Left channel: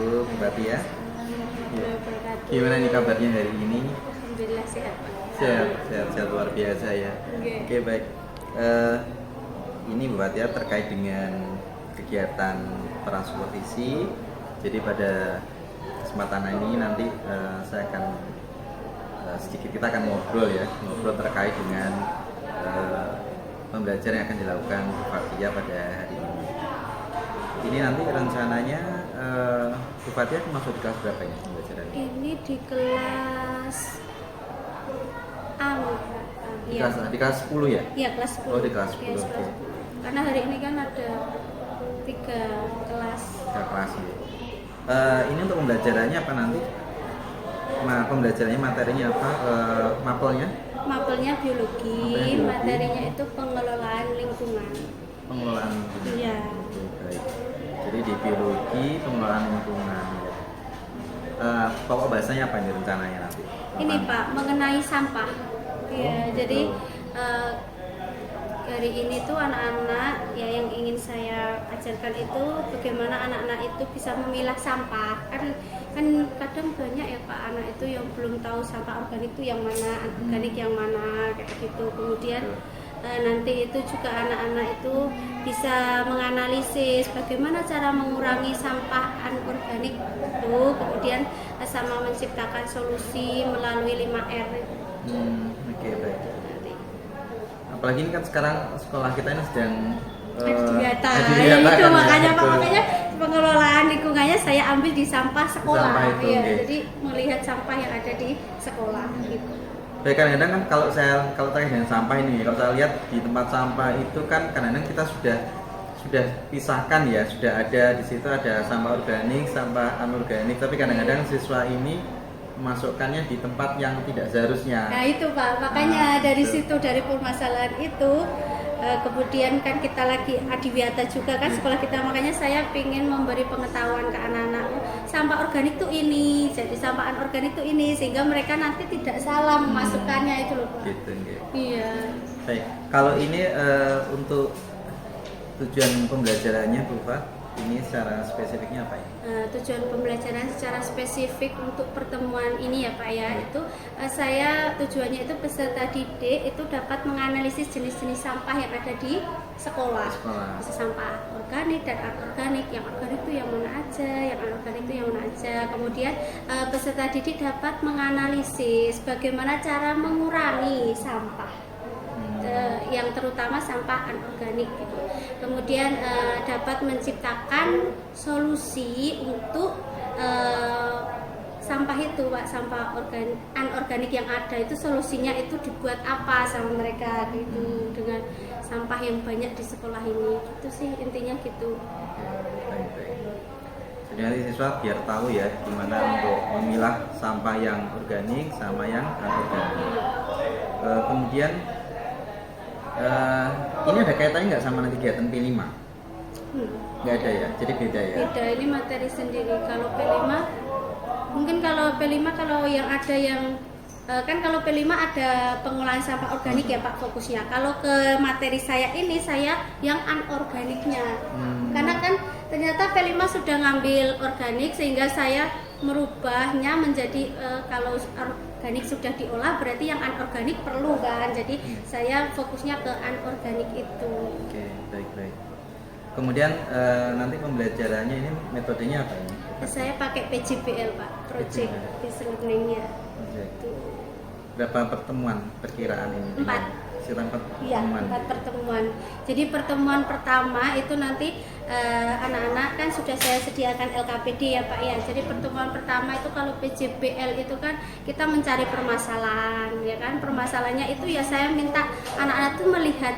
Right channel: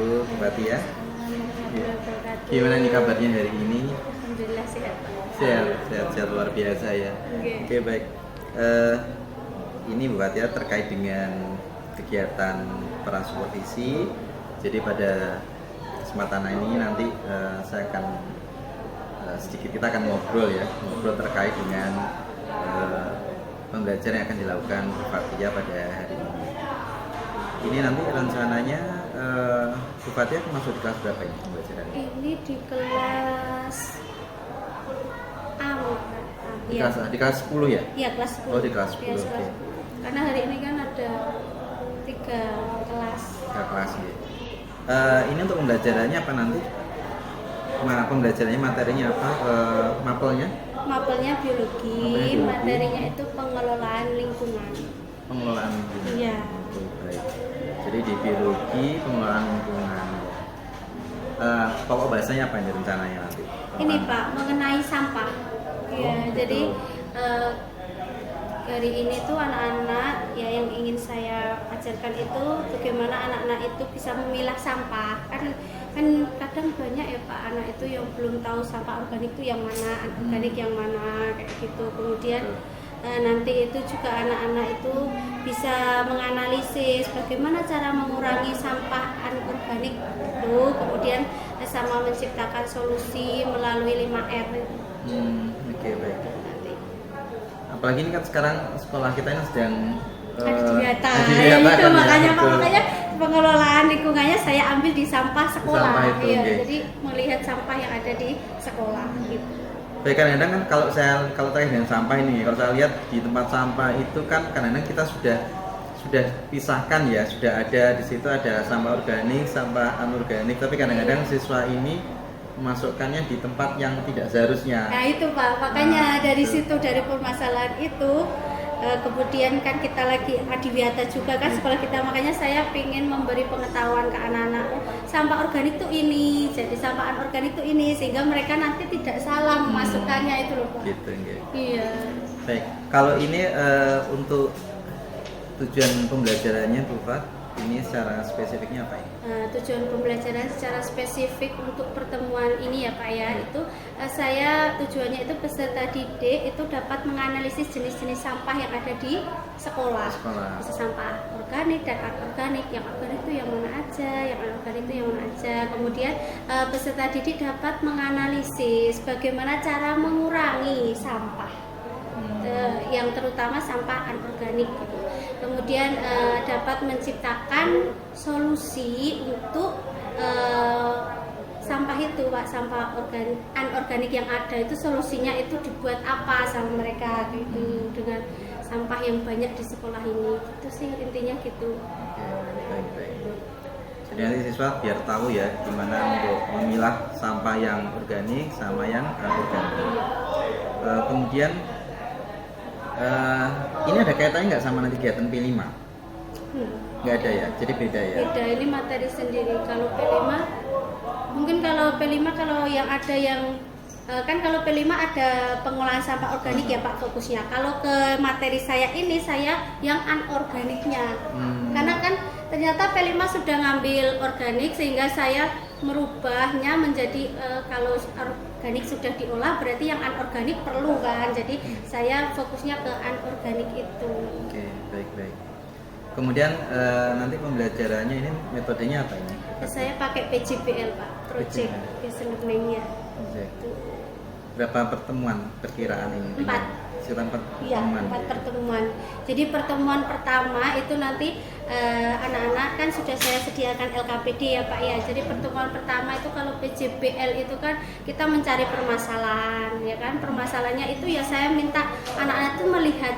wabarakatuh, Bupati ya. Iya. Wabarakatuh. Gimana nih kabarnya hari ini? Alhamdulillah sehat. Sehat luar biasa ya. Oke, baik. Eh, ini Bupati ya terkait dengan kegiatan peran supervisi. Jadi pada kesempatan ini nanti saya akan sedikit kita akan ngobrol terkait dengan pembelajaran yang akan dilakukan Bupati ya pada hari ini. Ini nanti rencananya Bupati akan masuk di kelas berapa ini pembelajaran? Ini di kelas A. Di kelas 10 ya? Iya, kelas 10. Oh, di kelas 10. Yes, Oke. Karena hari ini kan ada 3 kelas. Ke kelas ya. Ini untuk pembelajarannya apa nanti? Pembelajarannya materinya apa? Mapelnya? Mapelnya biologi, Mapelnya biologi. materinya itu pengelolaan lingkungan. Pengelolaan lingkungan. Iya. Oke, baik. Jadi di biologi pengelolaan lingkungan ya. Pokok bahasanya apa ini rencananya nanti? Ini Pak, mengenai sampah. Iya, gitu. jadi hari ini tuh anak-anak ya yang ingin saya ajarkan itu bagaimana anak-anak itu bisa memilah sampah. Kan kadang banyak ya Pak anak itu yang belum tahu sampah organik itu yang mana, anorganik yang mana kayak gitu. Kemudian nanti itu juga anak-anak itu bisa menganalisis bagaimana cara mengurangi sampah anorganik itu, kemudian sama menciptakan solusi melalui 5R. Oke, baik. Apalagi ini kan sekarang sekolah kita ini sedang Adiwiyata. Adiwiyata Itu kan ya, makanya betul. makanya pengelolaan lingkungannya saya ambil di sampah sekolah. Sampah itu, Iya, oke. jadi melihat sampah yang ada di sekolah gitu. Baik, kadang-kadang kan kalau terkait dengan sampah ini, kalau saya lihat di tempat sampah itu kan kadang-kadang kita sudah pisahkan ya, sudah ada di situ ada sampah organik, sampah anorganik, tapi kadang-kadang siswa ini memasukkannya di tempat yang tidak seharusnya. Nah itu Pak, makanya dari Betul. situ dari permasalahan itu kemudian kan kita lagi adiwiyata juga kan sekolah kita, makanya saya ingin memberi pengetahuan ke anak-anak sampah organik itu ini, jadi sampah anorganik itu ini, sehingga mereka nanti tidak salah memasukkannya itu loh Pak. Gitu, ya. Iya. Baik, kalau ini untuk tujuan pembelajarannya Bu Pak, ini secara spesifiknya apa ya? Tujuan pembelajaran secara spesifik untuk pertemuan ini ya Pak ya, itu saya tujuannya itu peserta didik itu dapat menganalisis jenis-jenis sampah yang ada di sekolah. Bisa sampah organik dan anorganik. Yang organik itu yang mana aja, yang anorganik itu yang mana aja. Kemudian peserta didik dapat menganalisis bagaimana cara mengurangi sampah. Yang terutama sampah anorganik gitu. Kemudian dapat menciptakan solusi untuk sampah itu Pak, sampah anorganik yang ada itu solusinya itu dibuat apa sama mereka gitu, dengan sampah yang banyak di sekolah ini. Itu sih intinya gitu. Oke, baik. Jadi nanti siswa biar tahu ya gimana untuk memilah sampah yang organik sama yang anorganik. Kemudian ini ada kaitannya nggak sama nanti kegiatan P5? Nggak ada ya, jadi beda ya? Beda, ini materi sendiri. Kalau P5, mungkin kalau P5 kalau yang ada yang kan kalau P5 ada pengolahan sampah organik ya Pak fokusnya. Kalau ke materi saya ini saya yang anorganiknya. Karena kan ternyata P5 sudah ngambil organik sehingga saya merubahnya menjadi kalau organik sudah diolah berarti yang anorganik perlu kan. Jadi saya fokusnya ke anorganik itu. Oke, baik. Kemudian nanti pembelajarannya ini metodenya apa ya? Saya pakai PJBL Pak, Project Based Learning ya. Berapa pertemuan perkiraan ini? 4. Sekitar Iya, pertemuan. 4 pertemuan. Jadi pertemuan pertama itu nanti anak-anak kan sudah saya sediakan LKPD ya Pak ya. Jadi pertemuan pertama itu kalau PJBL itu kan kita mencari permasalahan ya kan. Permasalahannya itu ya saya minta anak-anak itu melihat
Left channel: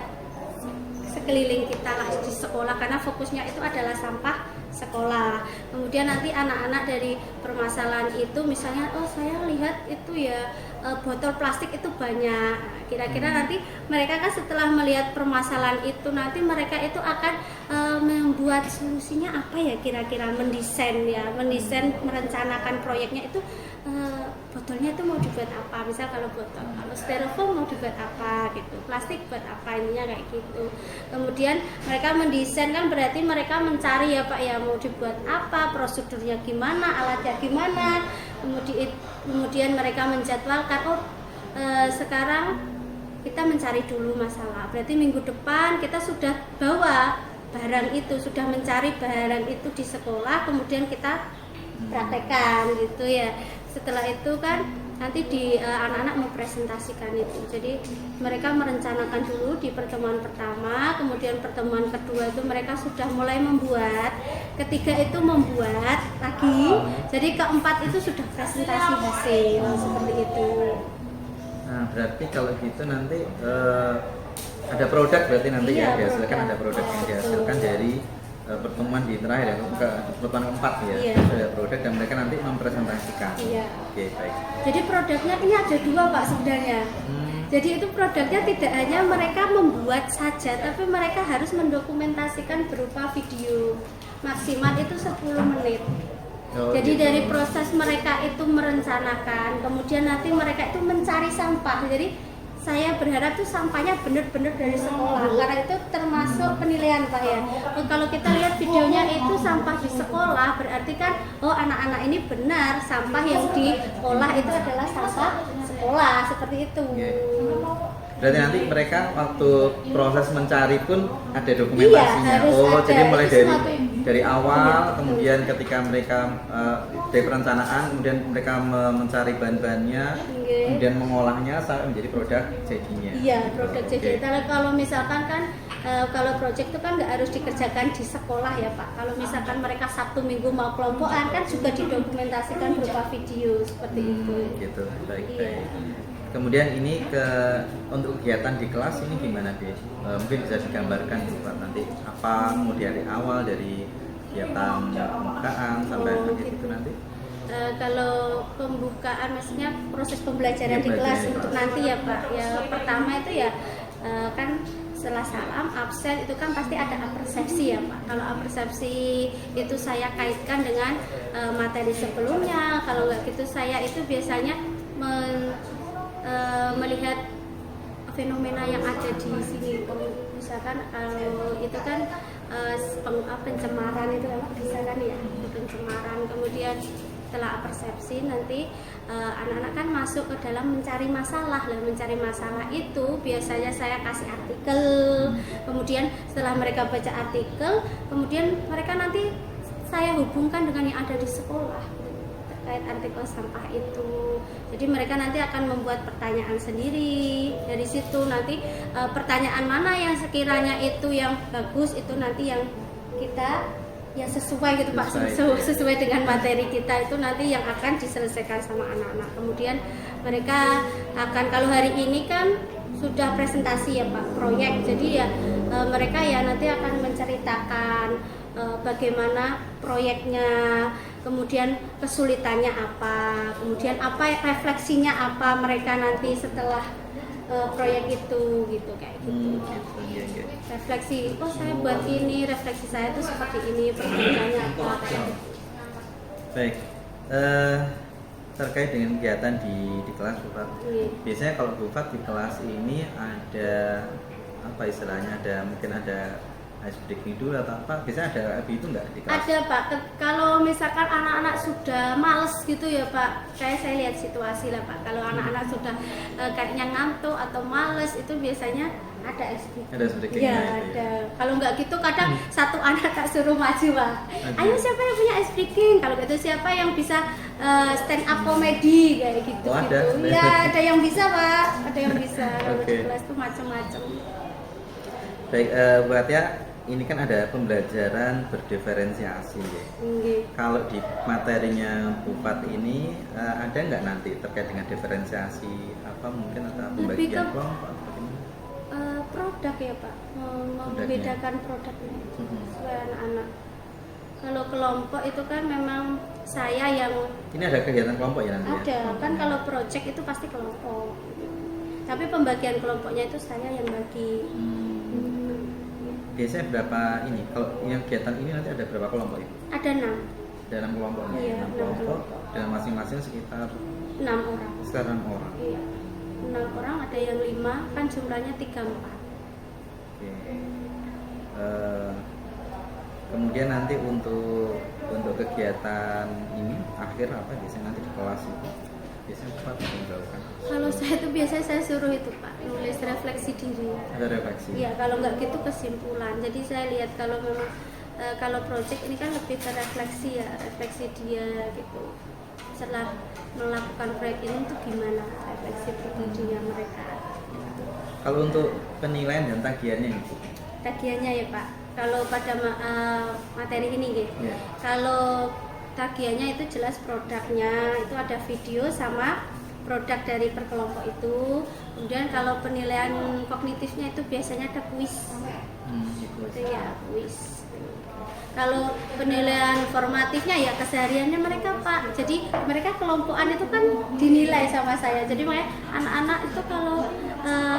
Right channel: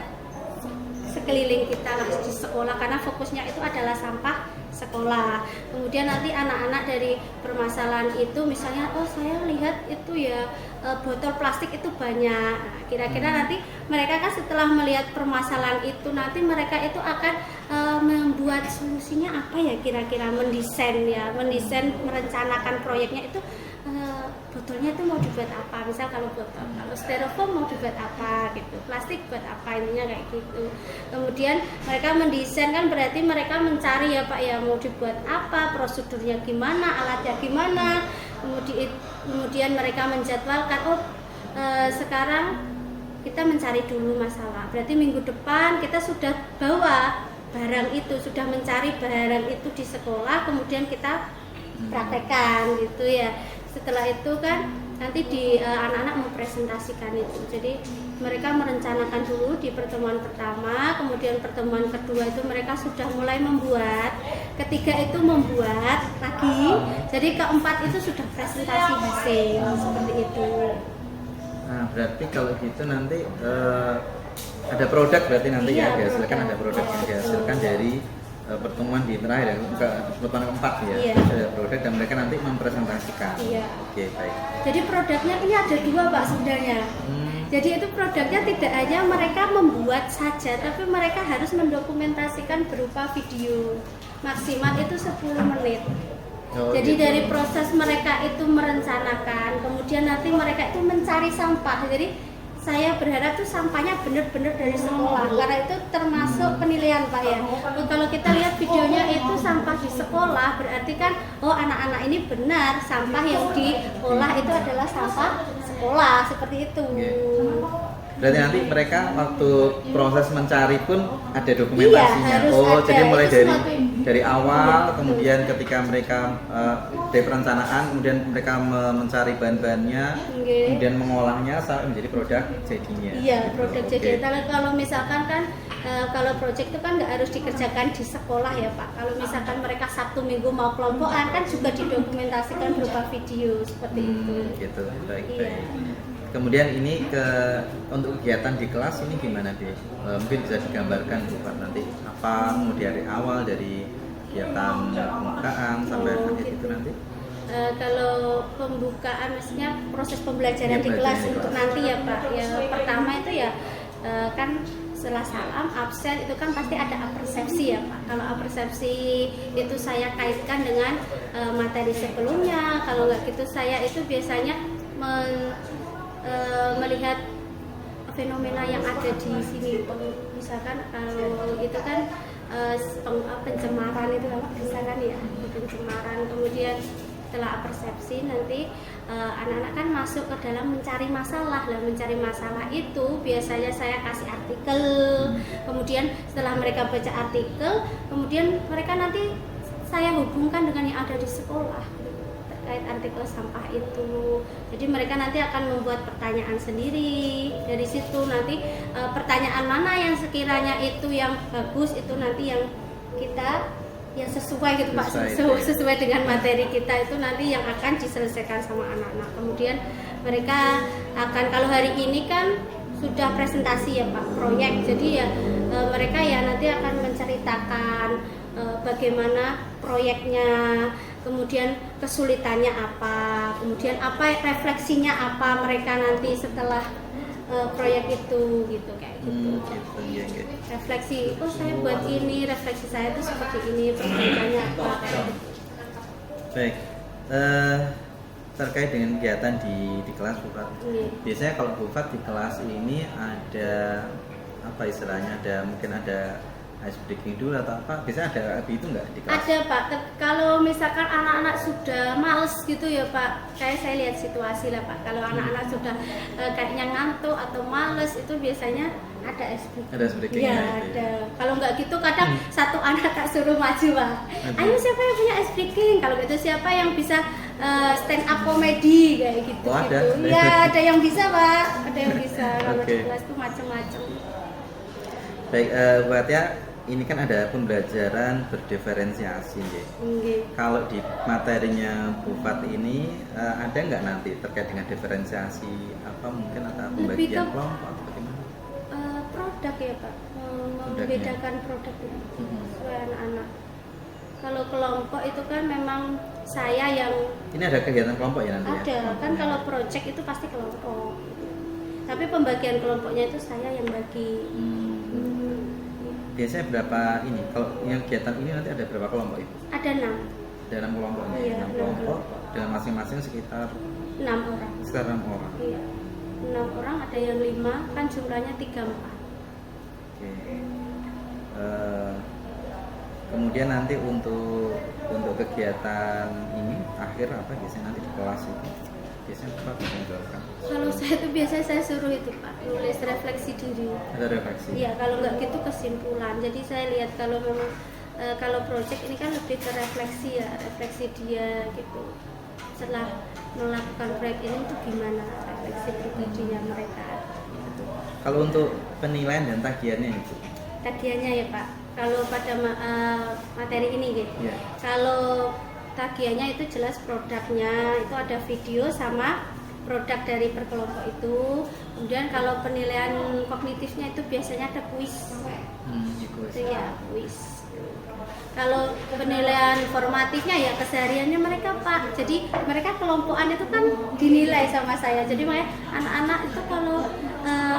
sekeliling kita di sekolah karena fokusnya itu adalah sampah sekolah. Kemudian nanti anak-anak dari permasalahan itu misalnya saya lihat itu ya botol plastik itu banyak. Nah, kira-kira nanti mereka kan setelah melihat permasalahan itu nanti mereka itu akan membuat solusinya apa ya, kira-kira mendesain merencanakan proyeknya itu, botolnya itu mau dibuat apa, misal kalau botol, kalau styrofoam mau dibuat apa gitu, plastik buat apa, ininya kayak gitu. Kemudian mereka mendesain kan berarti mereka mencari ya Pak ya, mau dibuat apa, prosedurnya gimana, alatnya gimana, kemudian mereka menjadwalkan, sekarang kita mencari dulu masalah, berarti minggu depan kita sudah bawa barang itu, sudah mencari barang itu di sekolah, kemudian kita praktekkan gitu ya. Setelah itu kan nanti anak-anak mempresentasikan itu. Jadi mereka merencanakan dulu di pertemuan pertama, kemudian pertemuan kedua itu mereka sudah mulai membuat, ketiga itu membuat lagi, jadi keempat itu sudah presentasi hasil seperti itu. Nah, berarti kalau gitu nanti ada produk berarti nanti ya dihasilkan, ada produk yang dihasilkan dari pertemuan di terakhir ya, pertemuan keempat ya, ada produk dan mereka nanti mempresentasikan. Oke, baik. Jadi produknya ini ada dua Pak sebenarnya. Jadi itu produknya tidak hanya mereka membuat saja, tapi mereka harus mendokumentasikan berupa video, maksimal itu 10 menit. Jadi gitu. dari proses mereka itu merencanakan, kemudian nanti mereka itu mencari sampah. Jadi saya berharap tuh sampahnya benar-benar dari sekolah, karena itu termasuk penilaian Pak ya. Kalau kita lihat videonya itu sampah di sekolah, berarti kan anak-anak ini benar sampah yang diolah itu adalah sampah sekolah, seperti itu. Berarti nanti mereka waktu proses mencari pun ada dokumentasinya. Ada. Jadi mulai dari awal, kemudian ketika mereka dari perencanaan, kemudian mereka mencari bahan-bahannya, kemudian mengolahnya sampai menjadi produk jadinya. Iya, produk jadi. Kalau misalkan kan kalau proyek itu kan nggak harus dikerjakan di sekolah ya Pak. Kalau misalkan mereka Sabtu Minggu mau kelompokan kan juga didokumentasikan berupa video seperti itu. Gitu, baik. Kemudian ini untuk kegiatan di kelas ini gimana Bu? Mungkin bisa digambarkan Bu Pak, nanti apa dari awal dari kegiatan pembukaan sampai nanti. Kalau pembukaan maksudnya proses pembelajaran di kelas itu nanti ya Pak. Ya pertama itu ya kan setelah salam absen itu kan pasti ada apersepsi ya Pak. Kalau apersepsi itu saya kaitkan dengan materi sebelumnya. Kalau nggak gitu saya itu biasanya melihat fenomena yang ada di sini. Misalkan kalau itu kan pencemaran itu bisa kan ya, pencemaran. Kemudian setelah persepsi nanti anak-anak kan masuk ke dalam mencari masalah. Mencari masalah itu biasanya saya kasih artikel. Kemudian setelah mereka baca artikel, kemudian mereka nanti saya hubungkan dengan yang ada di sekolah terkait artikel sampah itu. Jadi mereka nanti akan membuat pertanyaan sendiri. Dari situ nanti pertanyaan mana yang sekiranya itu yang bagus, itu nanti yang kita yang sesuai gitu Pak, sesuai dengan materi kita itu nanti yang akan diselesaikan sama anak-anak. Kemudian mereka akan, kalau hari ini kan sudah presentasi ya Pak, proyek. Jadi ya mereka ya nanti akan menceritakan bagaimana proyeknya, kemudian kesulitannya apa, kemudian apa refleksinya apa mereka nanti setelah proyek itu gitu kayak gitu. Refleksi, saya buat ini, refleksi saya itu seperti ini, perbedanya apa kayak gitu. Baik, terkait dengan kegiatan di kelas Bu Fat. Biasanya kalau Bu Fat di kelas ini ada apa istilahnya, mungkin ada ice breaking dulu atau apa? Biasanya ada itu nggak di kelas? Ada Pak, kalau misalkan anak-anak sudah males gitu ya Pak, saya lihat situasi lah Pak. Kalau anak-anak sudah kayaknya ngantuk atau males, itu biasanya ada ice breaking. Ada ice breaking? Ya, ada. Kalau nggak gitu kadang satu anak tak suruh maju Pak. Ayo siapa yang punya ice breaking? Kalau gitu siapa yang bisa stand up comedy kayak gitu. Ada? Ya, ada yang bisa Pak, ada yang bisa. Kalau di kelas tuh macam-macam. Baik, buat ya. Ini kan ada pembelajaran berdiferensiasi ya. Kalau di materinya Bu Fat ini ada nggak nanti terkait dengan diferensiasi apa mungkin ada pembagian kelompok atau bagaimana? Produk ya Pak, membedakan produknya sesuai anak-anak. Kalau kelompok itu kan memang saya yang Ini ada kegiatan kelompok ya nanti ya? ada, kan kalau project itu pasti kelompok. Tapi pembagian kelompoknya itu saya yang bagi. Biasanya berapa ini? Kalau yang kegiatan ini nanti ada berapa kelompok Ibu? Ada 6, Dalam kelompok ini, Iya, 6 enam kelompok. kelompok. Dan masing-masing sekitar 6 orang. 6 orang. Iya. 6 orang, ada yang 5, kan jumlahnya 34. Oke. Kemudian nanti untuk kegiatan ini akhir apa biasanya nanti di kelas itu biasanya Pak bisa menjawabkan? Kalau saya itu biasanya saya suruh itu Pak, nulis refleksi diri. Ada refleksi. Iya, kalau nggak gitu kesimpulan. Jadi saya lihat kalau memang kalau project ini kan lebih ke refleksi ya, refleksi dia gitu. Setelah melakukan proyek ini tuh gimana refleksi pribadinya mereka. Kalau untuk penilaian dan tagihannya Ibu? Tagihannya ya Pak, kalau pada materi ini gitu. Iya. Kalau tagihannya itu jelas produknya, itu ada video sama produk dari perkelompok itu. Kemudian kalau penilaian kognitifnya itu biasanya ada kuis. Itu ya kuis. Kalau penilaian formatifnya ya kesehariannya mereka Pak. Jadi mereka kelompokan itu kan dinilai sama saya. Jadi makanya anak-anak itu kalau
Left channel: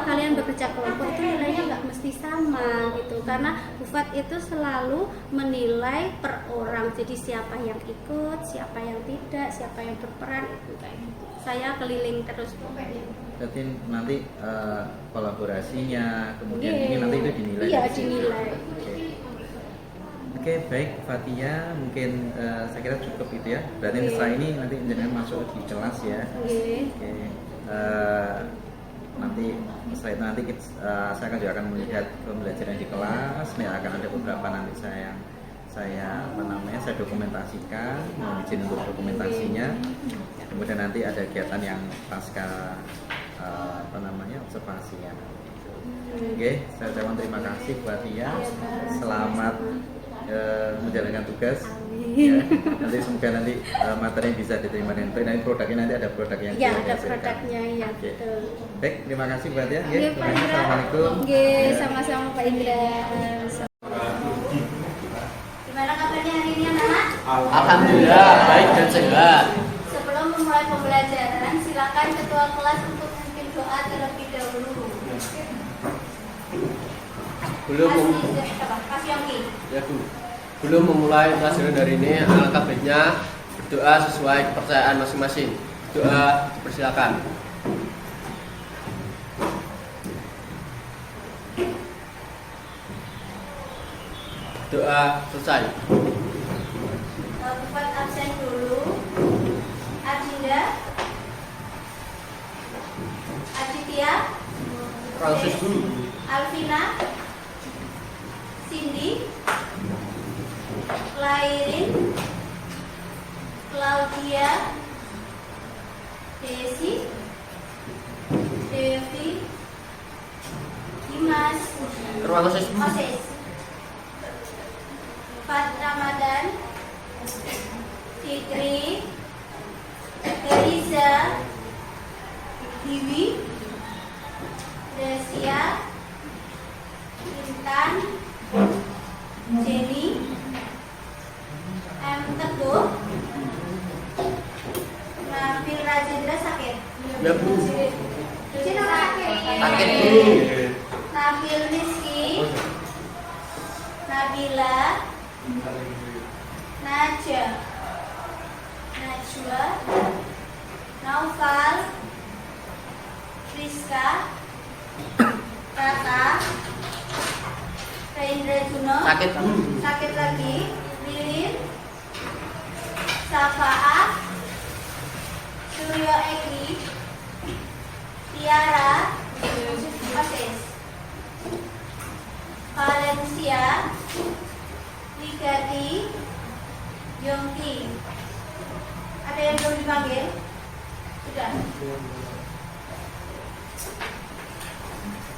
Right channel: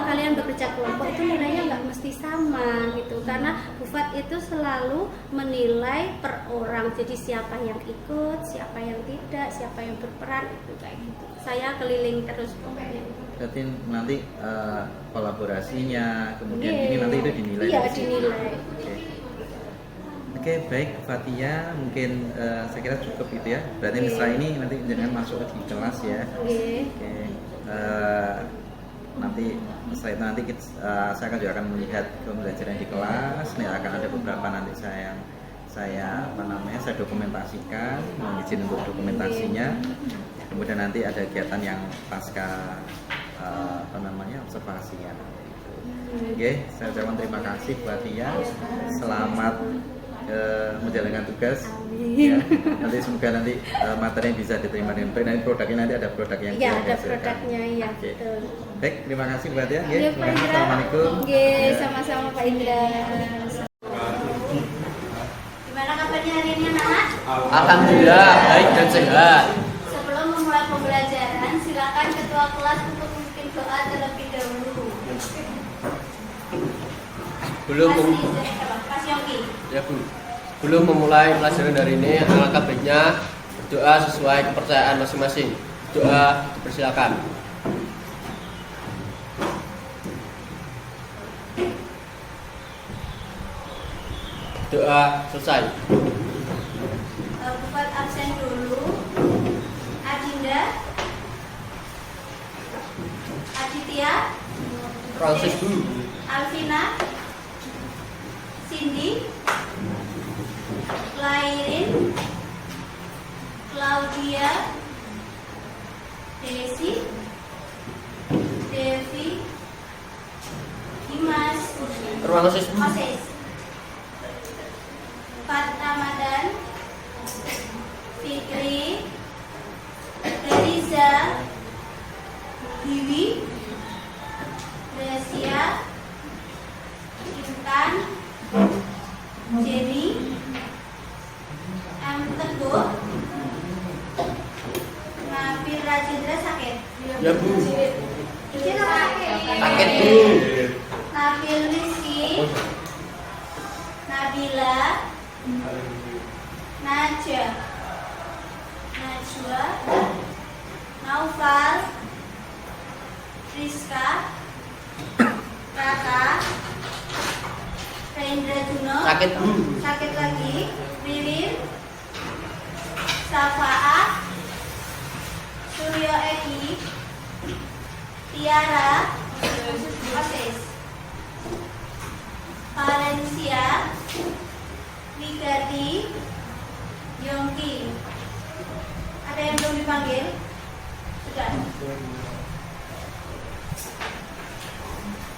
kalian bekerja kelompok itu nilainya nggak mesti sama gitu. Karena Bufat itu selalu menilai per orang. Jadi siapa yang ikut, siapa yang tidak, siapa yang berperan itu kayak gitu. Saya keliling terus pokoknya. Berarti nanti kolaborasinya, kemudian ini nanti itu dinilai. Iya, dari situ. dinilai. Oke, baik Fatia, mungkin saya kira cukup itu ya. Berarti Oke. setelah ini nanti jangan masuk di kelas ya. Oke. Oke. Nanti setelah itu nanti saya juga akan melihat pembelajaran di kelas. Nih akan ada beberapa nanti saya dokumentasikan, mohon izin untuk dokumentasinya. Kemudian nanti ada kegiatan yang pasca observasian. Oke, saya ucapkan terima kasih buat Fatia. Selamat menjalankan tugas. Ya, nanti semoga nanti materi bisa diterima dengan baik. Nanti produknya nanti ada produk yang Iya, ada dihasilkan. produknya ya, Oke. betul. Baik, terima kasih buat ya. Oke, Pak Indra. Assalamualaikum. Oke, Ya. sama-sama Pak Indra. Gimana kabarnya hari ini anak-anak? Alhamdulillah baik dan sehat. Sebelum memulai pembelajaran, silakan ketua kelas untuk memimpin doa terlebih dahulu. Mas Yongki. Ya Bu. Belum memulai pelajaran hari ini, alangkah baiknya berdoa sesuai kepercayaan masing-masing. Doa, persilakan. Doa selesai. Bufat absen dulu. Adinda, Aditya, Francis Bu. Alvina, Cindy, Lairin, Claudia, Desi, Devi, Dimas, Ruang khusus Bu. Moses, Fat Ramadan, Fikri, Eliza, Hiwi, Gracia, Intan, Jenny, M. Teguh, Nabil Rajendra sakit. Ya Bu. Izin apa sakit? Sakit Bu. Nabil Rizky, Nabila, Najwa, Naufal, Rizka, Raka, Rendra Juno, Sakit Bu. sakit lagi, Ririn, Safaat, Suryo Egi, Tiara, Asis, Valencia, Wigati, Yongki. Ada yang belum dipanggil? Sudah.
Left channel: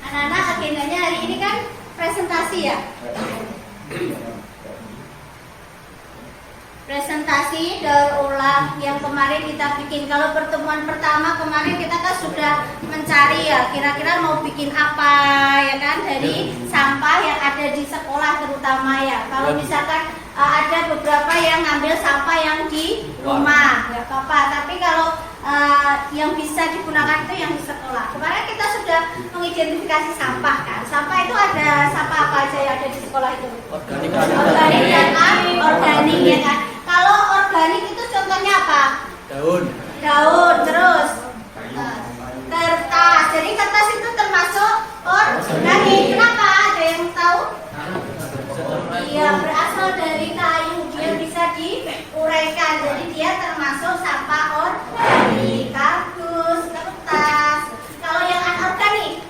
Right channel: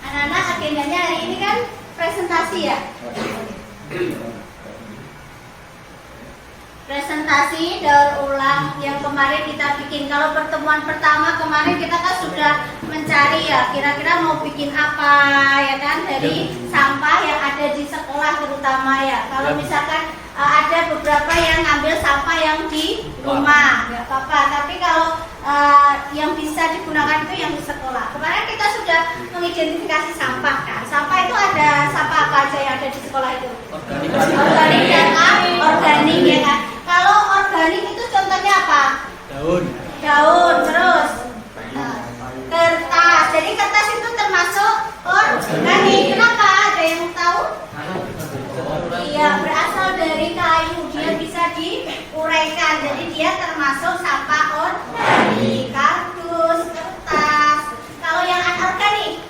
Anak-anak, agendanya hari ini kan presentasi ya. Presentasi daur ulang yang kemarin kita bikin. Kalau pertemuan pertama kemarin kita kan sudah mencari ya, kira-kira mau bikin apa ya kan, dari sampah yang ada di sekolah terutama ya. Kalau misalkan ada beberapa yang ngambil sampah yang di rumah, ya apa-apa. Tapi kalau yang bisa digunakan itu yang di sekolah. Kemarin kita sudah mengidentifikasi sampah kan. Sampah itu ada sampah apa aja yang ada di sekolah itu? Organik dan anorganik ya kan. Kalau organik itu contohnya apa? Daun, terus kertas. Jadi kertas itu termasuk organik. Kenapa? Ada yang tahu? Iya, berasal dari kayu. Dia bisa diuraikan. Jadi dia termasuk sampah organik. Kardus, kertas. Kalau yang anorganik?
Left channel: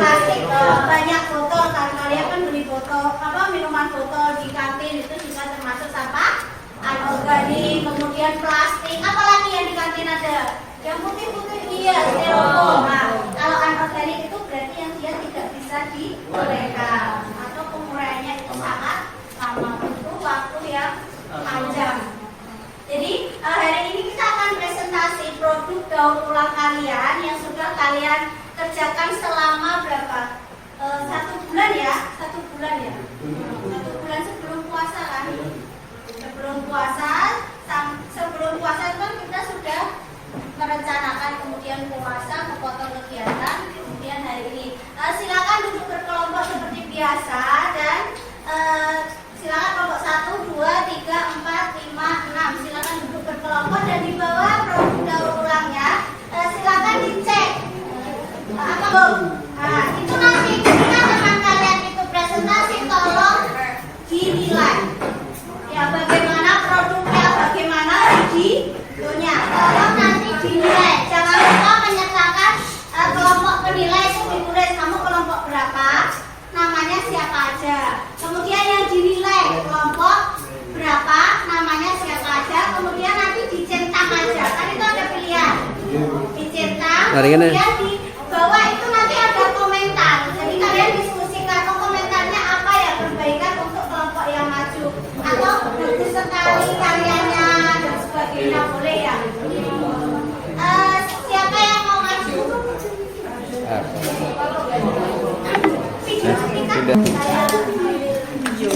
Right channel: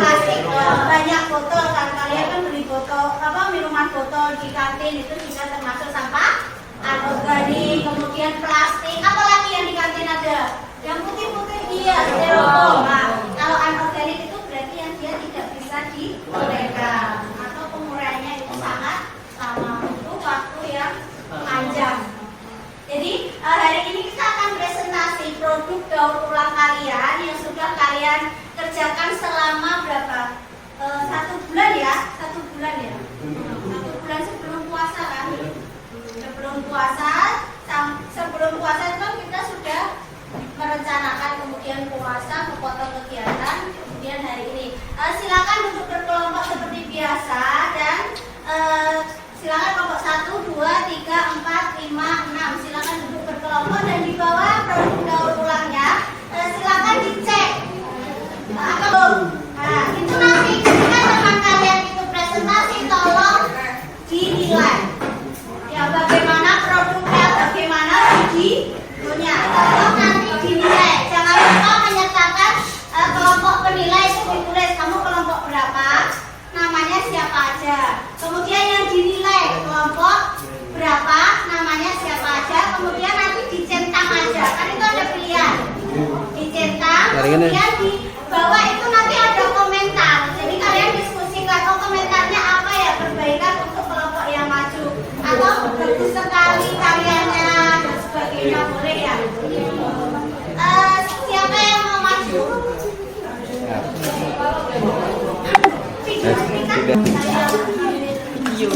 Plastik. Banyak botol kan. Kalian kan beli botol minuman botol di kantin itu juga termasuk sampah anorganik. Kemudian plastik. Apalagi yang di kantin ada? Yang putih-putih dia styrofoam. Nah, kalau anorganik itu berarti yang dia tidak bisa diuraikan atau penguraiannya itu sangat lama, butuh waktu yang panjang. Jadi hari ini kita akan presentasi produk daur ulang kalian yang sudah kalian kerjakan selama berapa? 1 bulan ya? 1 bulan ya? 1 bulan sebelum puasa kan? Sebelum puasa itu kan kita sudah merencanakan, kemudian puasa, memotong kegiatan, kemudian hari ini. Silakan duduk berkelompok seperti biasa dan silakan kelompok 1, 2, 3, 4, 5, 6. Silakan duduk berkelompok dan di bawah produk daur ulangnya silakan dicek. Apa belum? Nah, itu nanti ketika teman kalian itu presentasi tolong dinilai. Ya, bagaimana produknya, bagaimana videonya. Tolong nanti dinilai. Jangan lupa menyertakan kelompok penilai itu ditulis kamu kelompok berapa, namanya siapa aja. Kemudian yang dinilai kelompok berapa, namanya siapa aja. Kemudian nanti dicentang aja. Kan itu ada pilihan. Dicentang. Kemudian di bawah itu nanti ada komentar. Jadi kalian diskusikan, komentarnya apa ya, perbaikan untuk kelompok yang maju atau bagus sekali karyanya dan sebagainya, boleh ya. Siapa yang mau maju? Video saya video.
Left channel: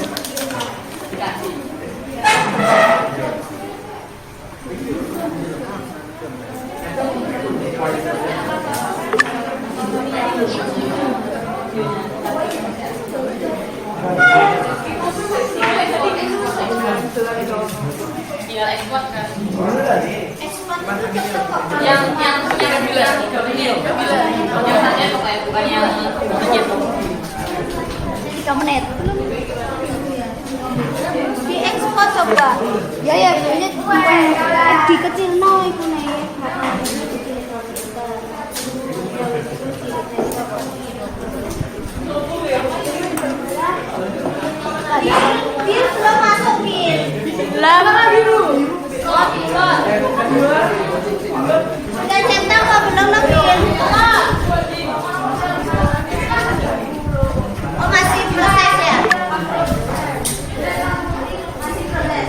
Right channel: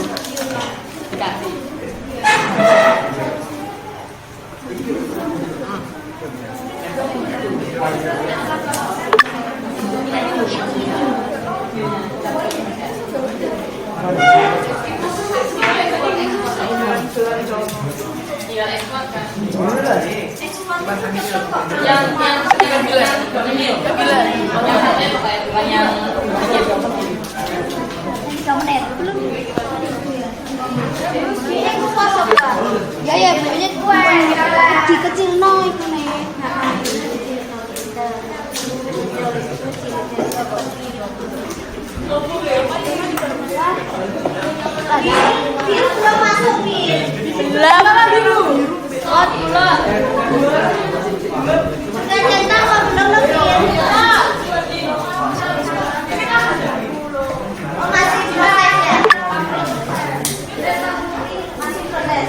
Diekspor coba. Ya banyak di kecil no itu nih. Biru belum masuk Bir. Lama biru. Udah centang apa belum Bir? Oh masih proses ya? Masih proses.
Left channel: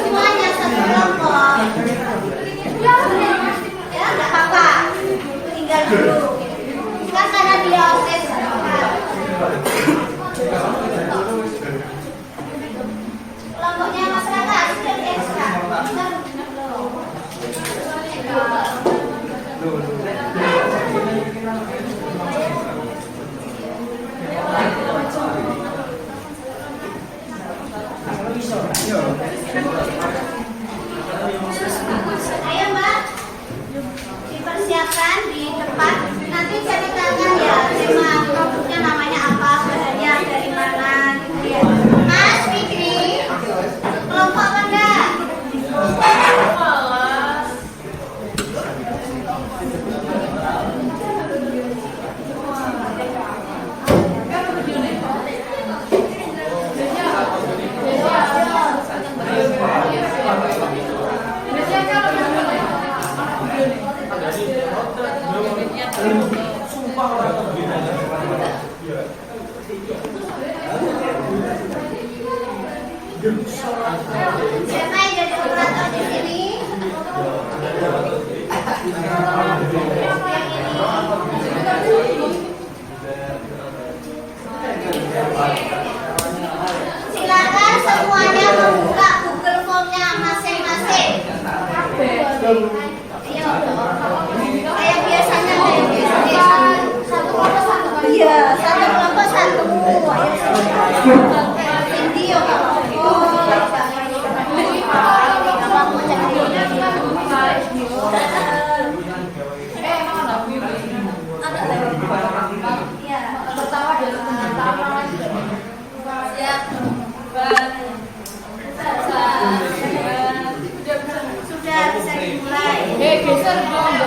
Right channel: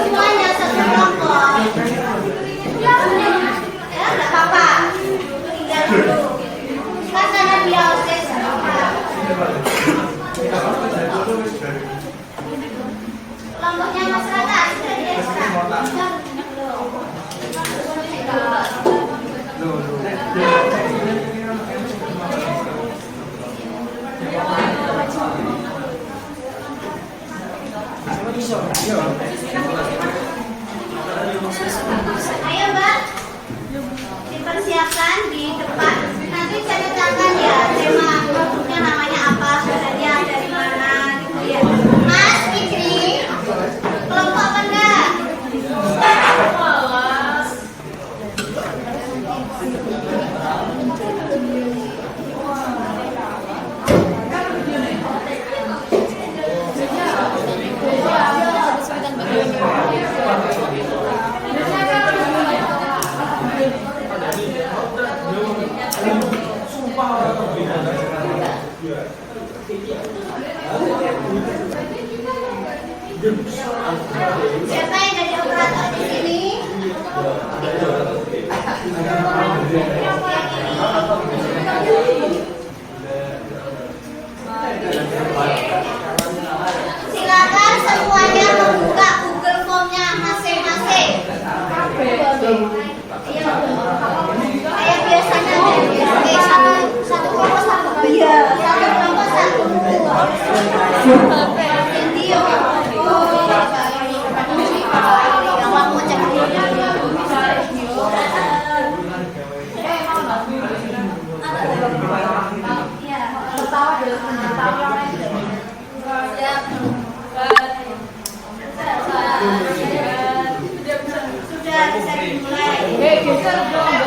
Semuanya satu kelompok. Ya nggak apa-apa. Tinggal dulu. Kan karena dia osis. Kelompoknya masyarakat dari ekstra. Iya. Pertama dia pertama ramai sudah banyak. Siap. Sudah bisa dimulai. Geser dong.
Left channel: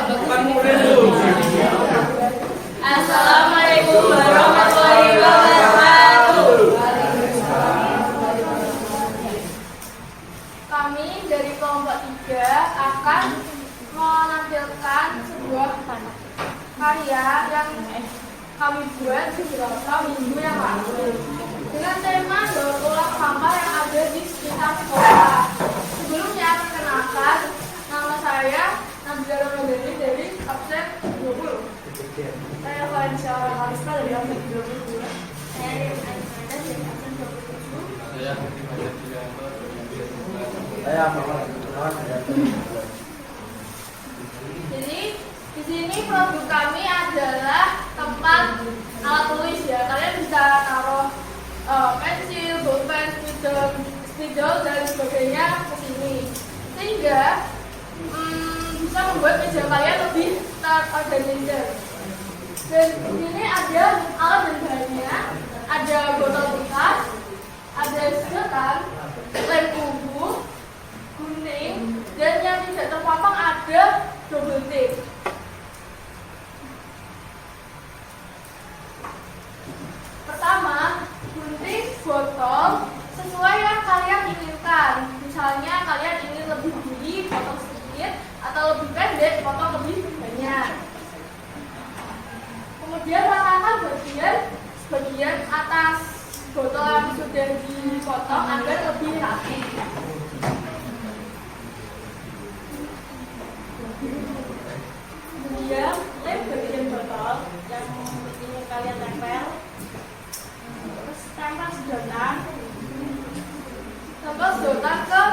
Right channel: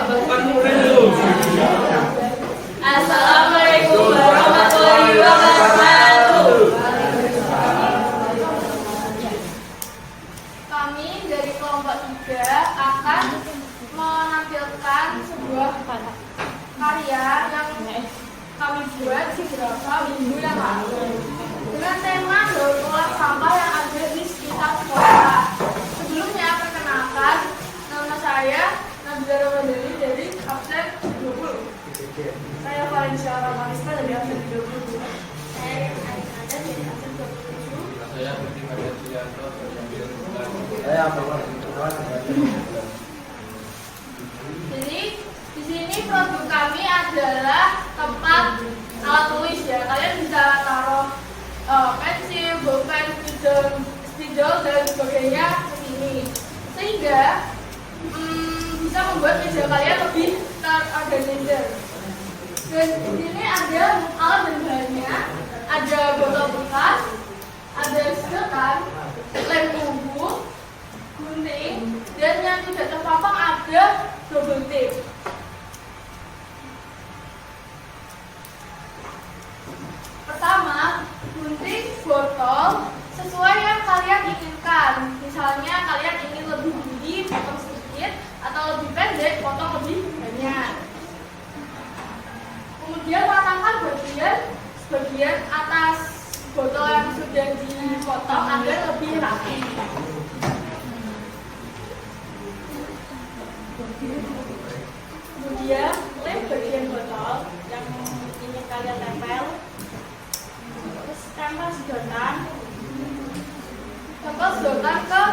Assalamualaikum warahmatullahi wabarakatuh. Kami dari kelompok 3 akan menampilkan sebuah karya yang kami buat beberapa minggu yang lalu dengan tema daur ulang sampah yang ada di sekitar sekolah. Sebelumnya perkenalkan, nama saya Nabila Ramadhani dari absen 20. Saya Valencia Ramarista dari absen 22. Saya Aisyah dari absen 27. Saya Bukti Maria Julianto dari absen 12. Saya Muhammad. Jadi di sini produk kami adalah tempat alat tulis ya. Kalian bisa taruh pensil, bolpen, spidol dan sebagainya ke sini. Sehingga bisa membuat meja kalian lebih terorganisir. Dan di sini ada alat dan bahannya, ada botol bekas, ada sedotan, lem kubu, gunting, dan yang tidak terpampang ada double tape. Pertama, gunting botol sesuai yang kalian inginkan. Misalnya kalian ingin lebih tinggi, potong sedikit, atau lebih pendek, potong lebih banyak. Kemudian ratakan bagian atas botol yang sudah dipotong agar lebih rapi. Kemudian lem bagian botol yang ingin kalian tempel. Terus tempel sedotan ke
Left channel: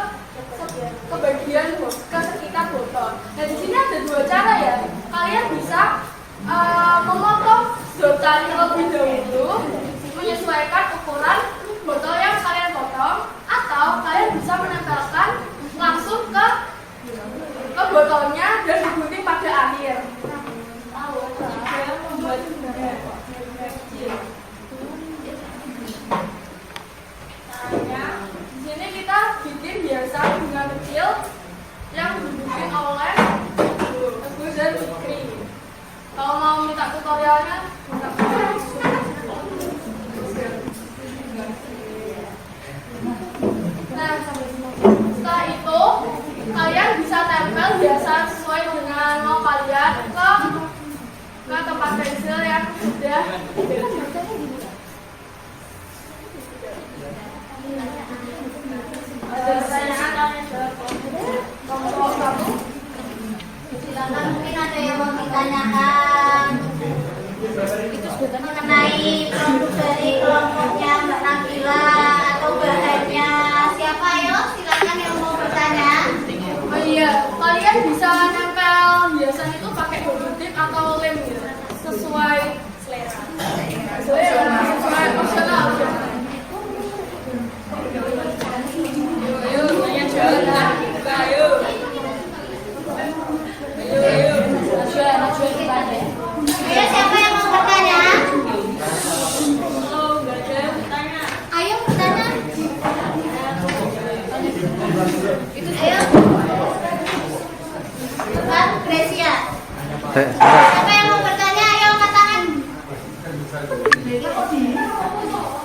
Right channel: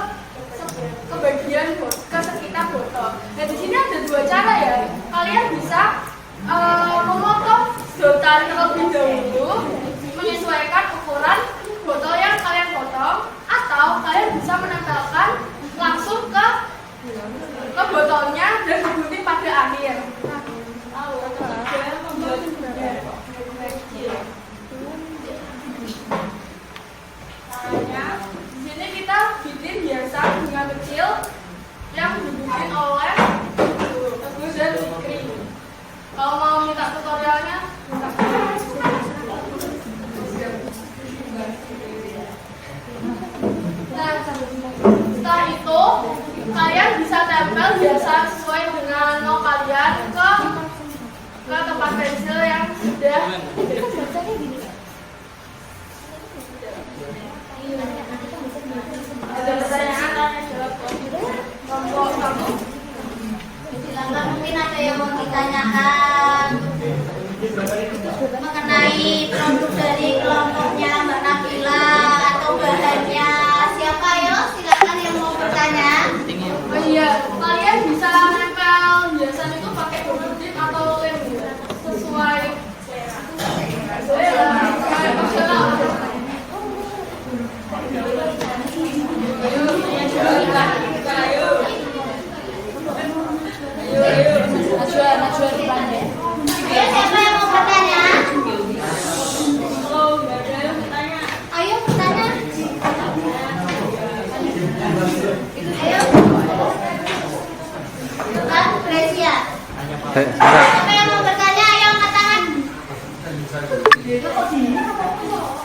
bagian ke sekitar botol. Nah di sini ada dua cara ya. Kalian bisa memotong sedotan terlebih dahulu menyesuaikan ukuran botol yang kalian potong, atau kalian bisa menempelkan langsung ke botolnya dan digunting pada akhir. Dan membuat kecil. Caranya, di sini kita bikin hiasan bunga kecil yang dibikin oleh Teguh dan Fikri. Kalau mau minta tutorialnya, minta. Nah, setelah itu kalian bisa tempel hiasan sesuai dengan mau kalian ke tempat pensil yang sudah. Ada pertanyaan tanya jawab kelompok kamu? Silakan, mungkin ada yang mau ditanyakan mengenai produk dari kelompoknya Mbak Nabila atau bahannya. Siapa ya? Silakan yang mau bertanya. Oh iya, kalian bisa nempel hiasan itu pakai double tip atau lem gitu, sesuai selera. Sesuai opsional. Maju depan ya. Ayo, siapa yang mau bertanya? Kalau nggak ada yang bertanya, Ayo bertanya. Ayo. Bukan Gracia. Siapa yang mau bertanya? Ayo angkat tangan.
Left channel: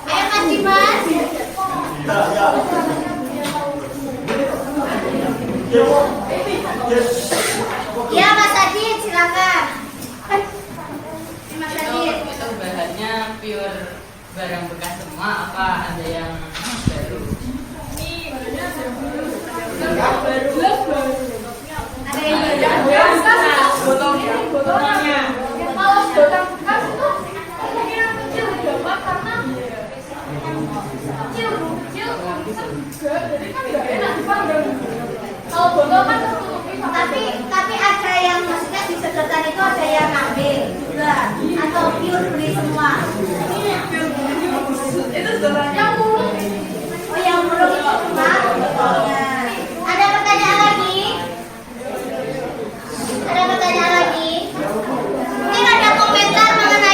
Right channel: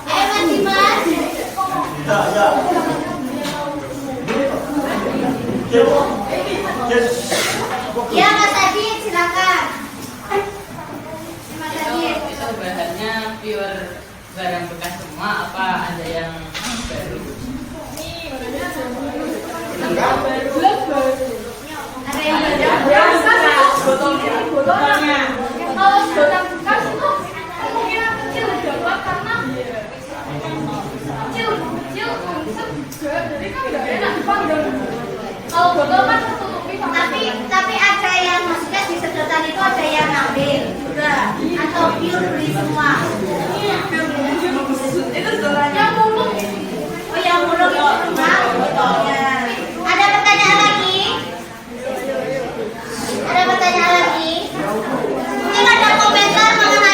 Ayo Mas Dimas. Ya Mas Adit, silakan. Mas Adit. Itu bahannya pure barang bekas semua apa ada yang baru? Ada yang botolnya. Kalau sedotan bekas itu kemungkinan kecil dapat karena kecil juga, jadi kan nggak enak dipandang. Kalau botol kan tertutupi sama tapi ada yang maksudnya di sedotan itu ada yang ngambil juga atau pure beli semua. itu sedotannya muluk. Oh yang belum itu cuma botolnya. Ada pertanyaan lagi? Ada pertanyaan lagi? Mungkin ada komentar mengenai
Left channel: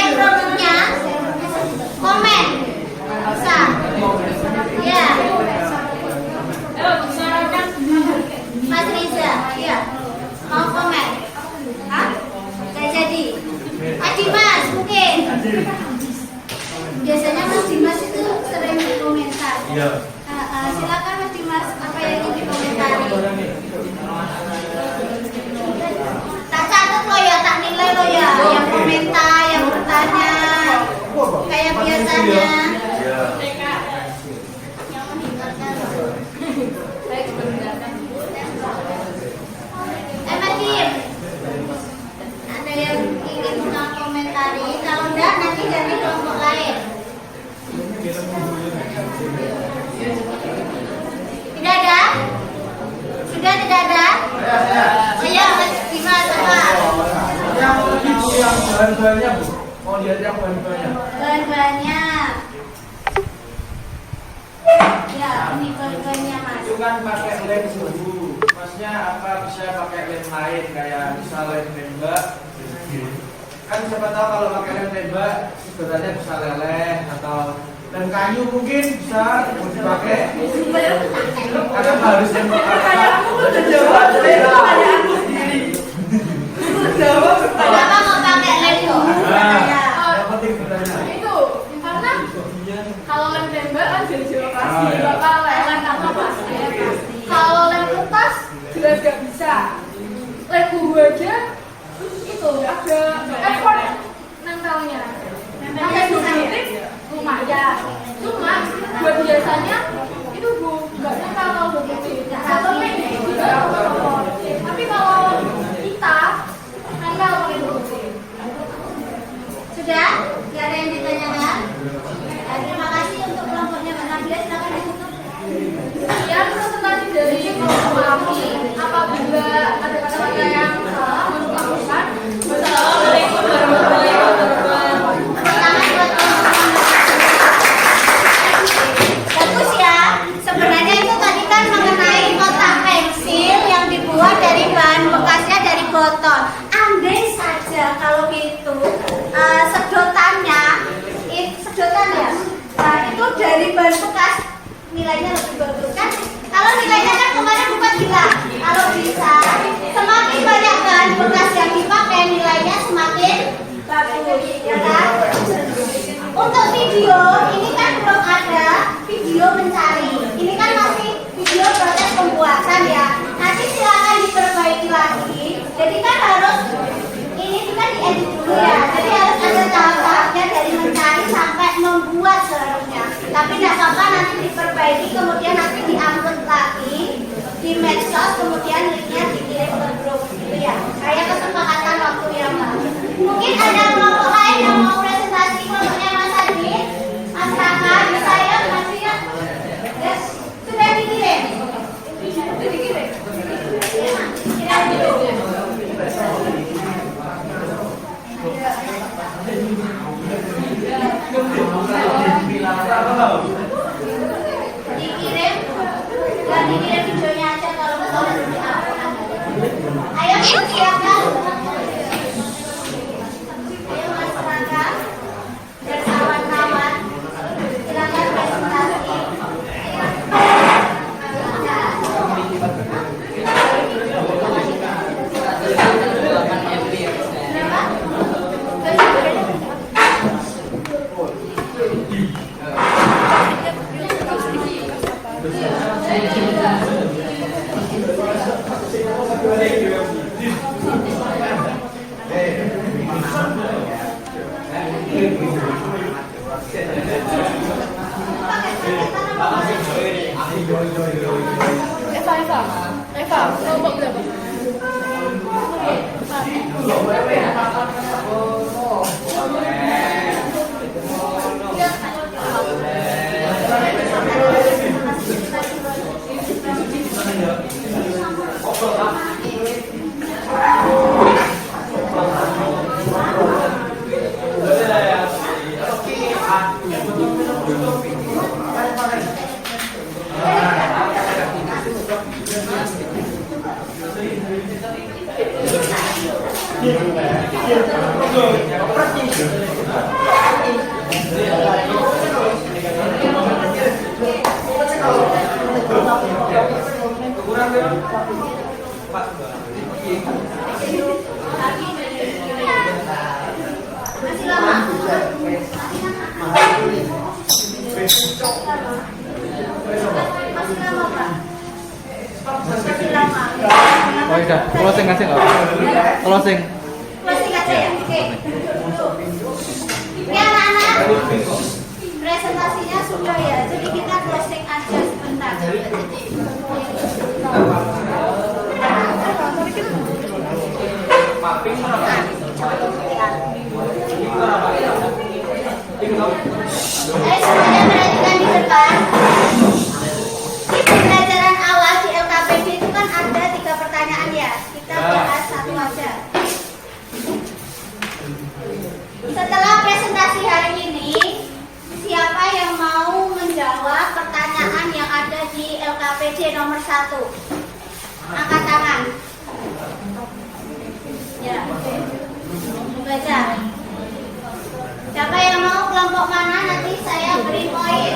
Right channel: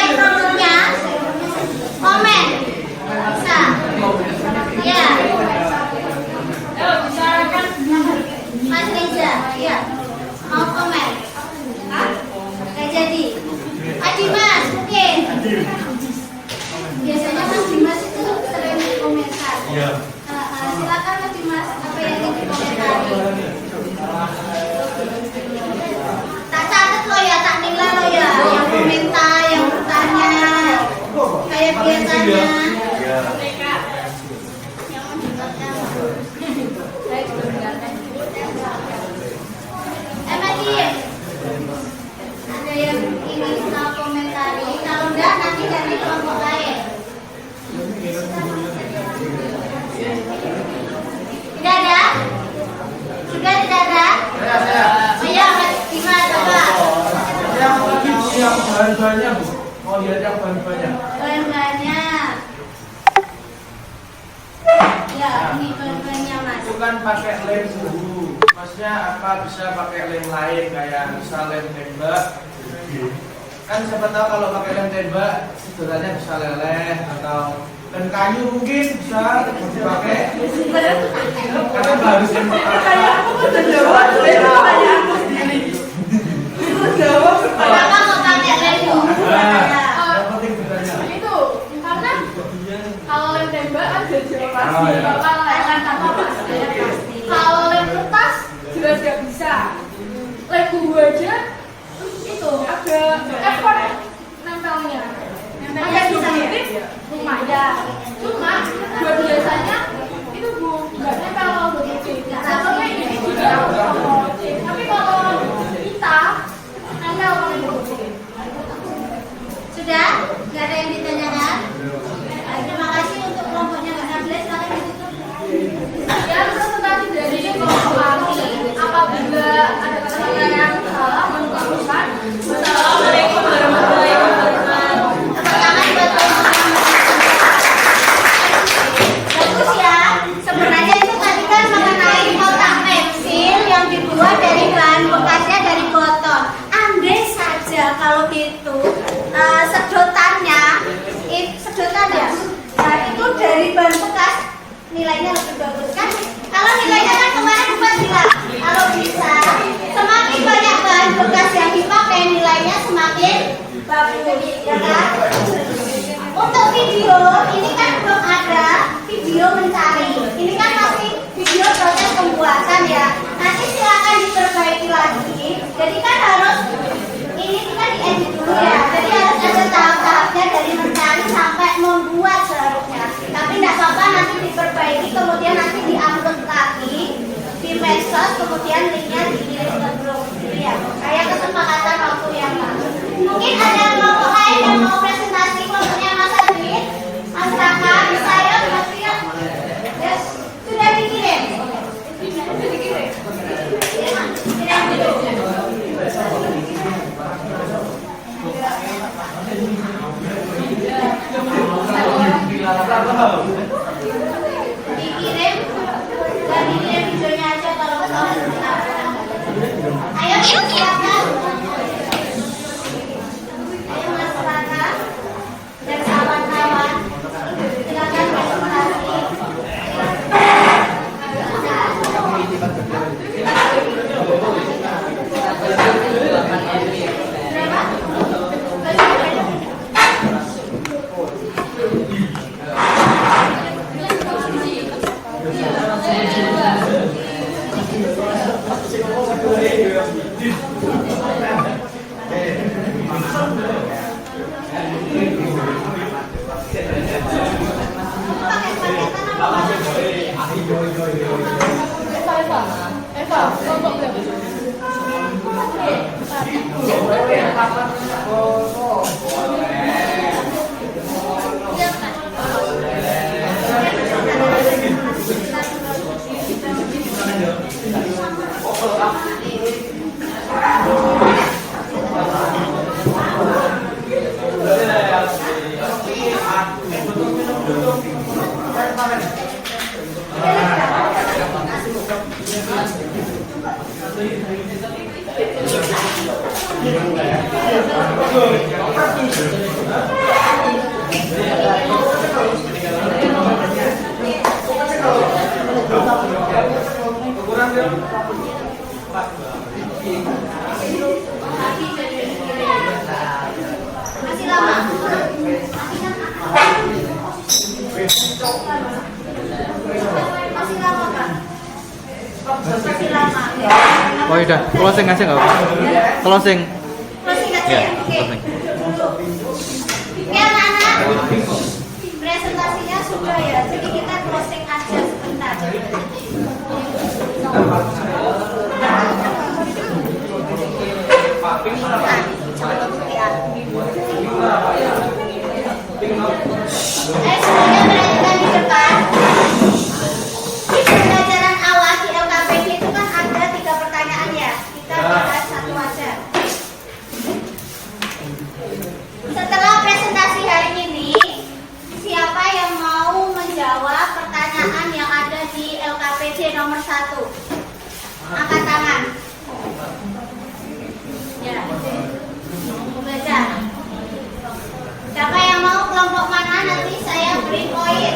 komentar, yang bertanya kayak biasanya. Yang mendengarkan. Tim, ada yang ingin komentari? Kalau enggak nanti ganti kelompok lain. Tidak ada? Sudah tidak ada? Iya, gimana coba? Yang lagi yang bahan-bahannya Bu, mau lihat yang bahan-bahannya. Bahan-bahannya. Ya, ini bahan-bahannya Mas. Itu kan pakai lem dulu. Maksudnya apa bisa pakai lem lain kayak misal lem tembak. Kan siapa tahu kalau pakai lem tembak sedotannya bisa leleh atau lem kayu mungkin bisa mau dipakai. Karena harus lem Kenapa mau pakai lem tuh? Nah, yang penting bedanya. Itu karena kalau lem tembak kan jadi operasi, Oh, iya. kalau lem tanpa pasti. Kalau lem kertas jelas gak bisa. Lem bumbu aja itu ada effort nempelnya. Pakai 2 detik lumayan. Cuma buat biasanya itu Bu nggak nempel kalau 2 detik. Tapi ini juga copot. Tapi kalau kita nempel pakai 2 detik. Sudah? Tidak ada yang ditanyakan? Terima kasih untuk kelompoknya Mbak Nabila. Silakan ditutup. Dan presentasi dari kelompok kami, apabila ada kata-kata yang salah, mohon dimaafkan. Wassalamualaikum warahmatullahi wabarakatuh. Tepuk tangan buat teman-teman. Bagus ya. Sebenarnya itu tadi kan mengenai kotak pensil yang dibuat dari bahan bekasnya dari botol. Andai saja kalau gitu sedotannya, sedotan ya, nah itu dari bahan bekas nilainya lebih bagus kan? Kalau nilainya kan kemarin bukan bilang kalau bisa semakin banyak bahan bekas yang dipakai nilainya semakin bagus, ya kan? Untuk video ini kan belum ada video mencari, ini kan masih video proses pembuatan ya. Nanti silakan diperbaiki lagi. Jadi kan harus ini kita diedit dulu ya. Jadi harus ada tahap-tahapnya dari mencari sampai membuat seharusnya. Tapi tidak apa-apa nanti diperbaiki, kemudian nanti diupload lagi di medsos, kemudian linknya dikirim ke grup. Gitu ya. Kayak kesepakatan waktu yang baru. Mungkin ada kelompok lain yang mau presentasi kelompoknya Mas Adi, Mas Raka, saya, Mas Ria. Yes. Sudah dikirim. Sudah dikirim. Tidak dulu. Dikirim, dan dikirim videonya aja kalau mau ayo siapkan. Ayo Mas Raka dan kawan-kawan, silakan presentasi. Masih lama. Masih lama, Pak. Masih lama. Oh iya, closing aja nggak apa-apa. Closing. Closing aja ya. Oke. Ya anak-anak, presentasinya sudah ya, jadi kita closing aja sebentar. Semuanya perhatikan di depan. Di pelajaran awal di LKPD itu kan ada 3 pertanyaan ya. Kita bahas satu aja. Setelah presentasi hari ini, siapa yang mau menjawab pertanyaan yang ada di LKPD nomor 1? Angkat tangan. Ya. Baca. Siapa yang mau, kelompok mana, nanti saya beri poin.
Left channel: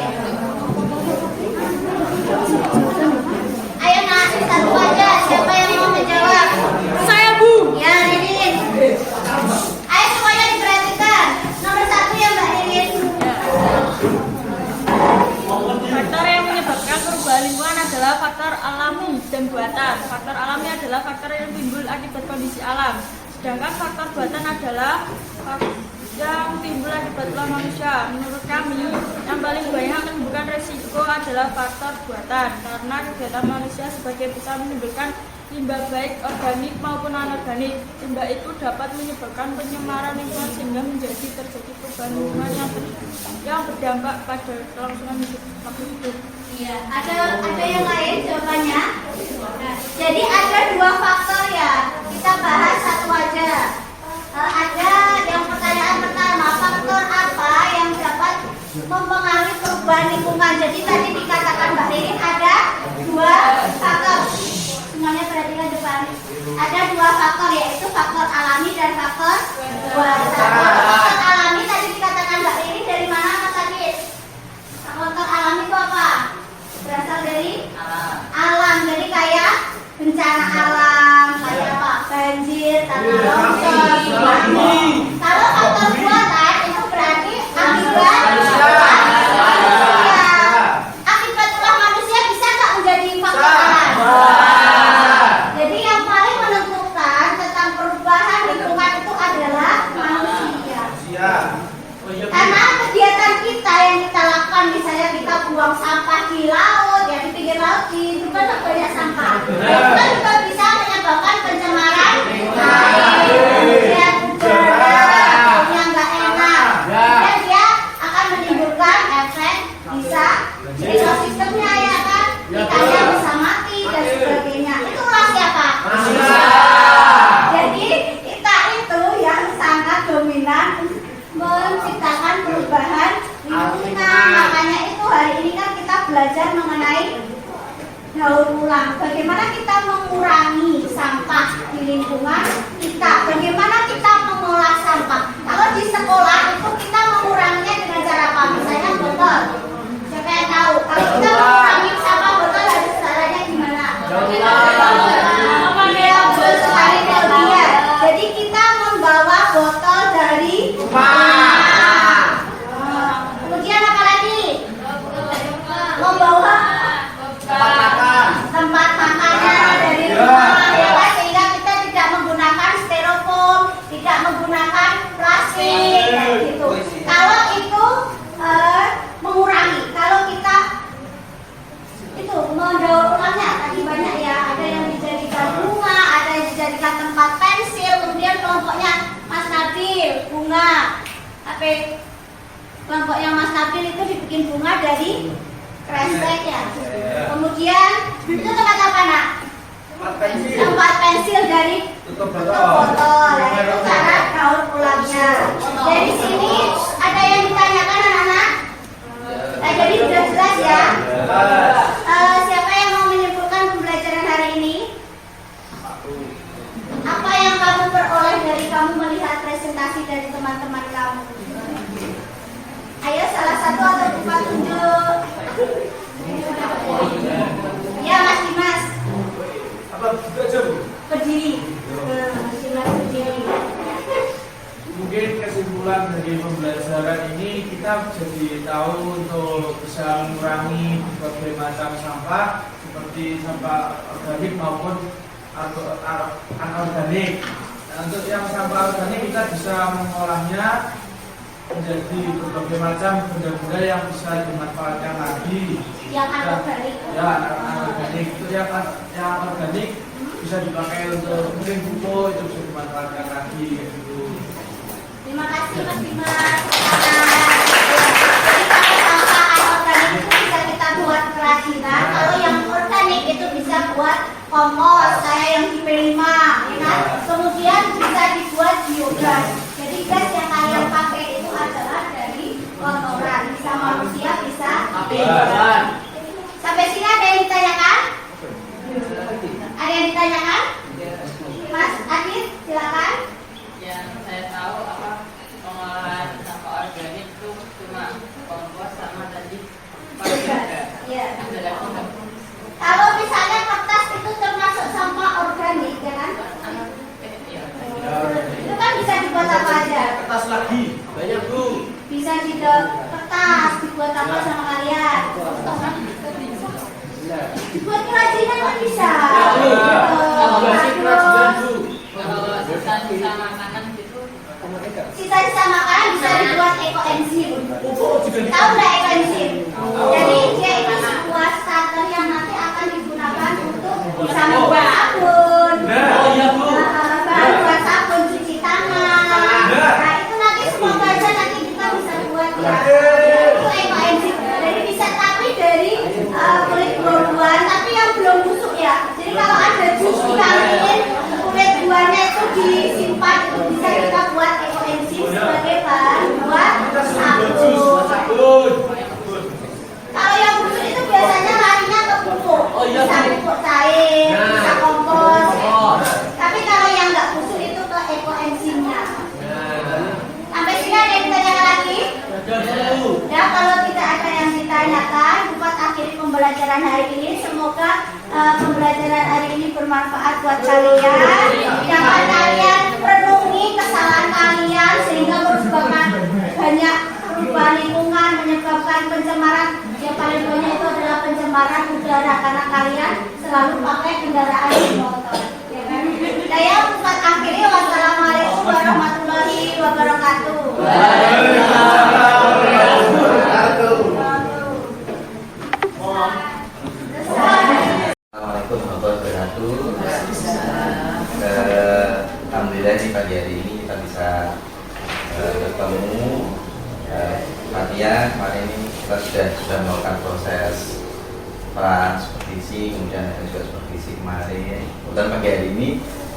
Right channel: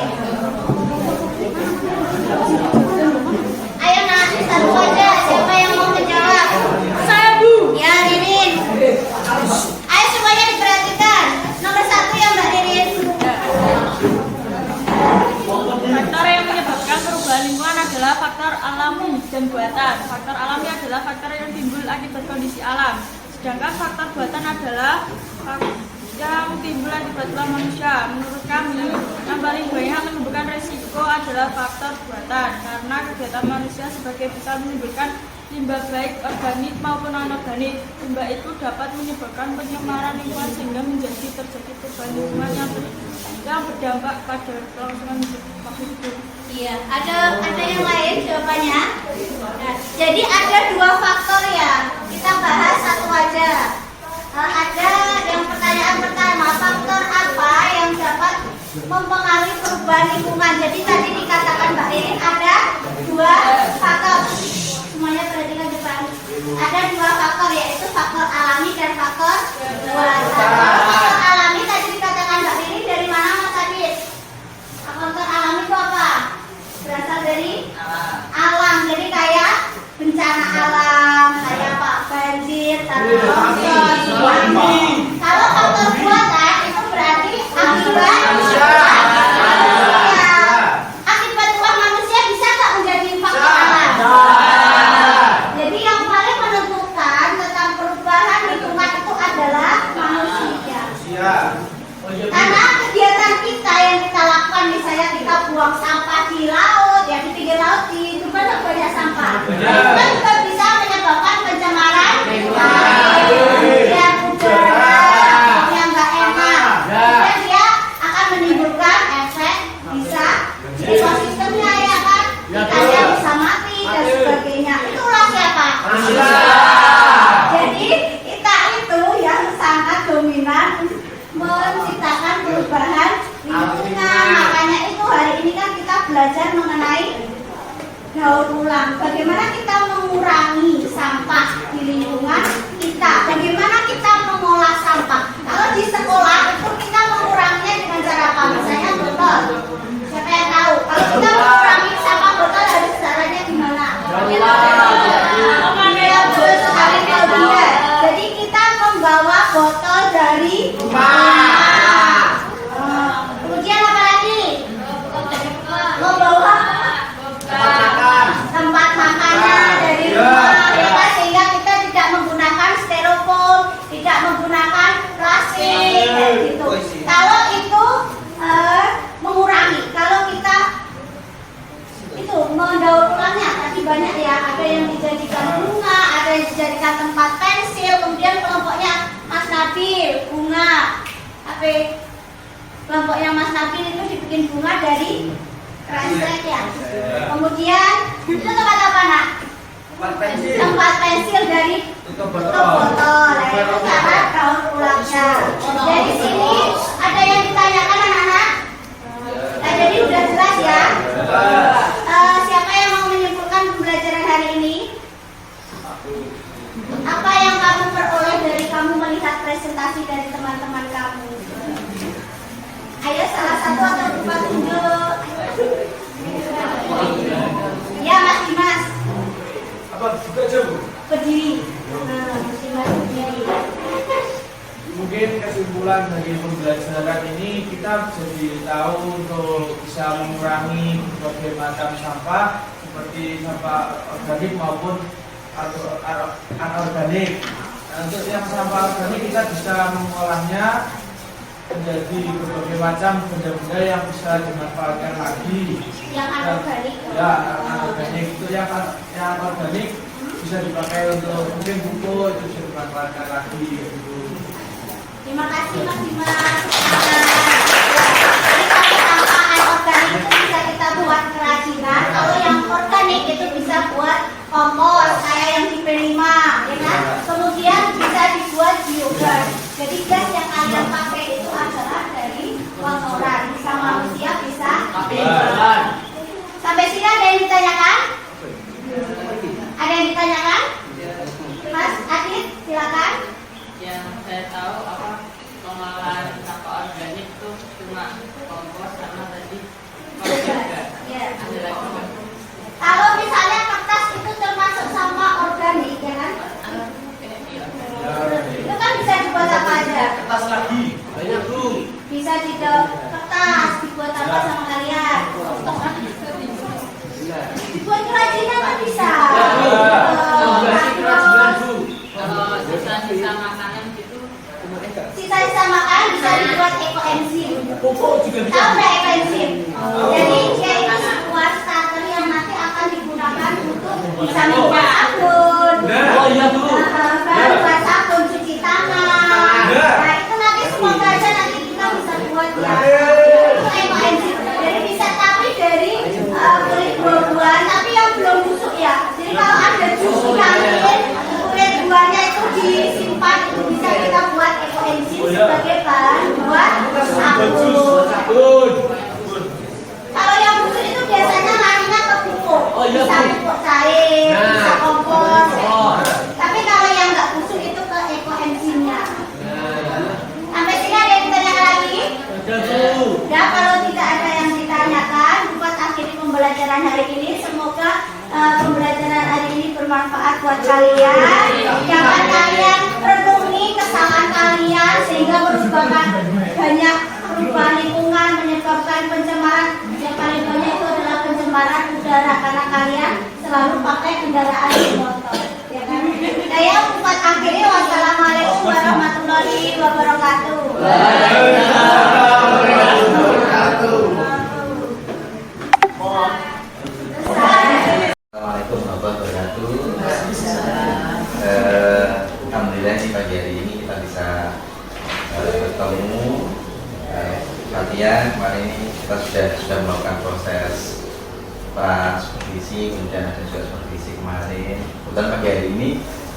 Ayo nanti satu aja. Siapa yang mau menjawab? Saya, Bu. Ya, Ririn. Ayo semuanya diperhatikan. Nomor 1 ya Mbak Ririn. Faktor yang menyebabkan perubahan lingkungan adalah faktor alami dan buatan. Faktor alami adalah faktor yang timbul akibat kondisi alam. Sedangkan faktor buatan adalah yang timbul akibat ulah manusia. Menurut kami, yang paling banyak menimbulkan resiko adalah faktor buatan, karena kegiatan manusia sebagai bisa menimbulkan limbah baik organik maupun anorganik. Limbah itu dapat menyebabkan pencemaran lingkungan sehingga menjadi terjadi perubahan lingkungan yang berdampak pada kelangsungan makhluk hidup. Iya, ada yang lain jawabannya. Nah, jadi ada 2 faktor ya. Kita bahas satu aja. Ada yang pertanyaan pertama, faktor apa yang dapat mempengaruhi perubahan lingkungan? Jadi tadi dikatakan Mbak Ririn ada 2 faktor. Semuanya perhatikan depan. Ada 2 faktor, yaitu faktor alami dan faktor buatan. Faktor alami tadi dikatakan Mbak Ririn dari mana Mas Adit? Faktor alami itu apa? Berasal dari alam. Jadi kayak bencana alam, kayak apa? Banjir, tanah longsor, tsunami. Kalau faktor buatan itu berarti akibat ulah manusia bisa tak menjadi faktor alam. Jadi yang paling menentukan tentang perubahan lingkungan itu adalah manusia. Karena kegiatan kita yang kita lakukan, misalnya kita buang sampah di laut, ya di pinggir laut itu kan banyak sampah. Itu kan juga bisa menyebabkan pencemaran air, udara yang nggak enak. Dan dia akan menimbulkan efek bisa ekosistemnya ya kan, ikannya bisa mati dan sebagainya. Itulah siapa? Jadi kita itu yang sangat dominan menciptakan perubahan lingkungan. Makanya itu hari ini kan kita belajar mengenai daur ulang. Bagaimana kita mengurangi sampah di lingkungan kita. Bagaimana kita mengolah sampah. Kalau di sekolah itu kita menguranginya dengan cara apa? Misalnya botol. Siapa yang tahu? Kalau kita mengurangi sampah botol harus caranya gimana? Jadi kita membawa botol dari rumah. Kemudian apa lagi? Membawa tempat makannya dari rumah, ya kan? Sehingga kita tidak menggunakan styrofoam, tidak menggunakan plastik, gitu. Kalau itu mengurangi, kalau kita itu mendaur ulangnya tadi banyak ya. Ada yang dijadikan bunga, ada yang dijadikan tempat pensil. Kemudian kelompoknya Mas Nabil bunga. Tapi kelompoknya Mas Nabil itu dibikin bunga dari kresek ya. Kemudian itu tempat apa nak? Tempat pensil dari tutup botol. Ya, itu cara daur ulangnya. Dari sini ada yang ditanyakan anak-anak? Nah, jadi sudah jelas ya. Siapa yang mau menyimpulkan pembelajaran hari ini? Apa yang kamu peroleh dari kamu melihat presentasi dari teman-teman kamu? Ayo salah satu atau dua tunjuk. Ya Mas Dimas. Apa juga jam? Berdiri. Mas Dimas berdiri. Mungkin kesimpulan dari pembelajaran ini kita jadi tahu untuk bisa mengurangi berbagai macam sampah seperti sampah organik maupun anorganik. Untuk yang sampah organik kita bisa mengolahnya menjadi berbagai macam benda-benda yang bisa dimanfaatkan lagi. Yang anorganik. Ya, yang anorganik itu yang organik bisa dipakai untuk mungkin pupuk itu bisa dimanfaatkan lagi gitu. Terima kasih Mas Dimas. Sampah anorganik itu bisa kita buat kerajinan. Kalau yang organik itu bisa buat kompos kayak yang di P5, ya kan? Kemudian bisa dibuat biogas. Jadi gas yang kalian pakai itu adalah dari kotoran, bisa manusia, bisa hewan. Sampai sini ada yang ditanyakan? Ada yang ditanyakan? Mas Adit, silakan. Yang saya tahu apa pengolahan sampah organik itu cuma kompos sama tadi biogas. Ya. Ada lagi nggak? Kalau misalnya kertas itu termasuk sampah organik, ya kan? Itu kan bisa dibuat apa aja? Kertas lagi banyak tuh. Bisa dibuat kertas, dibuat apa sama kalian? Dibuat kerajinan kan bisa. Kalau sisa-sisa makanan gitu, Sisa-sisa makanan bisa dibuat ekoenzim. Tahu nggak ekoenzim? Jadi dia itu sebuah starter yang nanti akan digunakan untuk bisa membuat sabun, bahan buat sabun, cuci tangan. Nah itu nanti semoga aja nanti kita bisa buat ya. Itu ekoenzim. Jadi bisa tapi dari kulit buah-buahan tapi yang belum busuk ya. Jadi kalau ada jus diambil kulit buahnya itu disimpan itu bisa kita buat ekoenzim sebagai bahan buat sabun. Kalau yang busuk itu biasanya larinya ke pupuk, bisa pupuk cair, bisa kompos. Tapi kalau yang nggak busuk itu ke ekoenzimnya. Sampai sini ada yang ditanyakan lagi? Nah, kalau tidak ada yang ditanyakan, buat akhiri pembelajaran hari ini. Semoga pembelajaran hari ini bermanfaat buat kalian. Jangan kalian renungi kesalahan kalian sehingga menyebabkan banyak perubahan lingkungan, menyebabkan pencemaran. Yang paling banyak itu adalah pencemaran udara karena kalian selalu pakai kendaraan bermotor. Ya kan? Saya buat akhiri. Wassalamualaikum warahmatullahi wabarakatuh. Assalamualaikum warahmatullahi wabarakatuh. Alhamdulillah di pagi hari ini kita bisa bertemu. Fatia kemarin ini kita sudah melakukan proses pra supervisi, kemudian ada juga supervisi kemarin. Kemudian pagi hari ini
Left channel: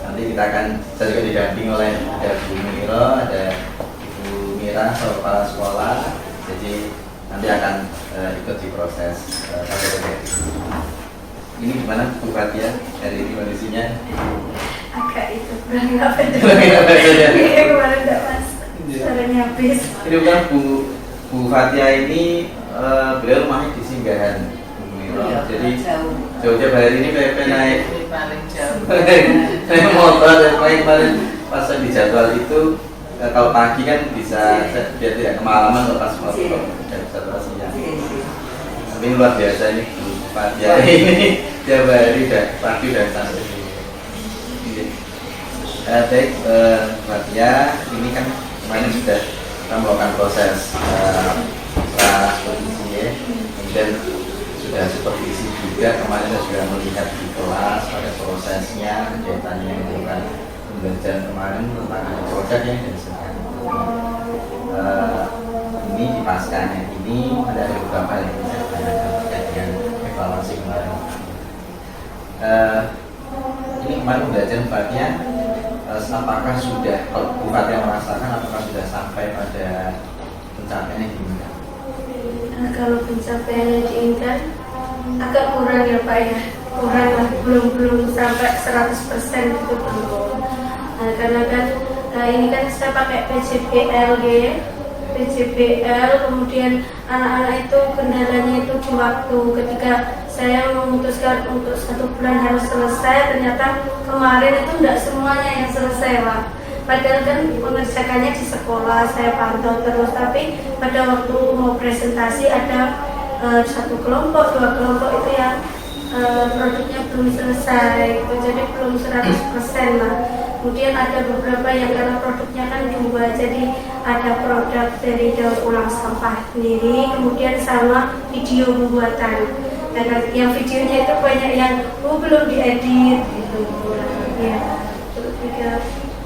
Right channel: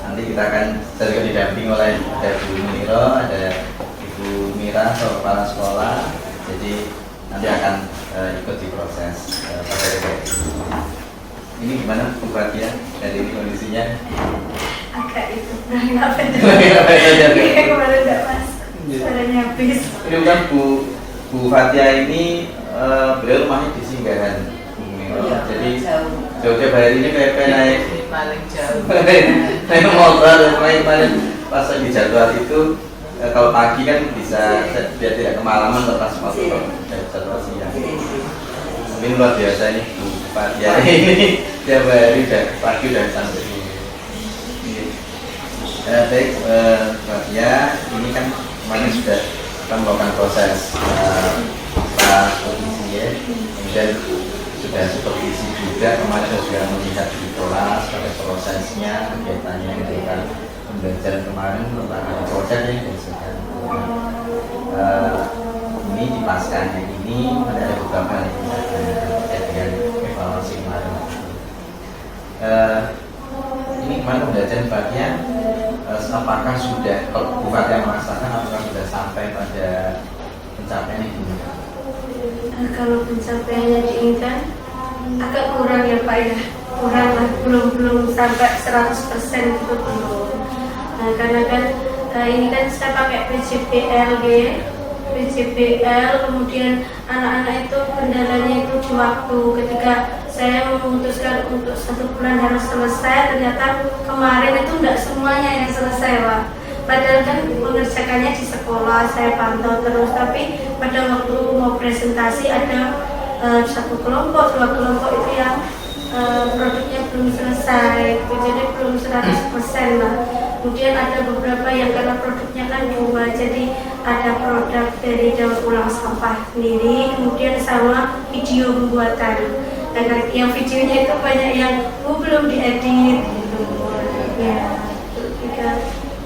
nanti kita akan saya juga didampingi oleh ada Bu Miro, ada Ibu Mira, kepala sekolah. Jadi nanti akan ikut di proses ini gimana Bu Fatia dari ini kondisinya? Agak itu kurang apa ya kemarin tidak pas suaranya habis. Ini bukan Bu Fatia ini beliau rumahnya di Singgahan. Jadi jauh-jauh hari ini PP naik paling jauh. naik motor dan kemarin pas di jadwal itu kalau pagi kan bisa dia tidak kemalaman atau pas mau jadwal siang. Ini luar biasa ini Bu Fatia ini tiap hari udah pagi udah sampai sini. Baik Fatia, ini kan kemarin sudah kita melakukan proses supervisi ya, kemudian sudah supervisi juga kemarin saya juga melihat di kelas pada prosesnya kegiatannya yang dilakukan pembelajaran kemarin tentang ada proses yang dihasilkan. Ini di pascanya ini ada beberapa hal yang saya tanyakan terkait dengan evaluasi kemarin. Ini kemarin pembelajaran Fatia, apakah sudah kalau Bu Fatia merasakan apakah sudah sampai pada pencapaian yang diinginkan? Kalau pencapaiannya diinginkan agak kurang ya Pak ya, kurang lah, belum sampai 100% itu belum. Nah karena kan ini kan saya pakai PJBL, kemudian anak-anak itu kendalanya itu di waktu. Ketika saya memutuskan untuk 1 bulan harus selesai, ternyata kemarin itu tidak semuanya yang selesai Pak. Padahal kan mengerjakannya di sekolah, saya pantau terus, tapi pada waktu mau presentasi ada 1 kelompok, 2 kelompok itu yang produknya belum selesai, jadi belum 100% lah. Kemudian ada beberapa yang karena produknya kan dua, jadi ada produk dari daur ulang sampah sendiri, kemudian sama video pembuatan. Dan yang videonya itu banyak yang belum diedit gitu. Ya, itu juga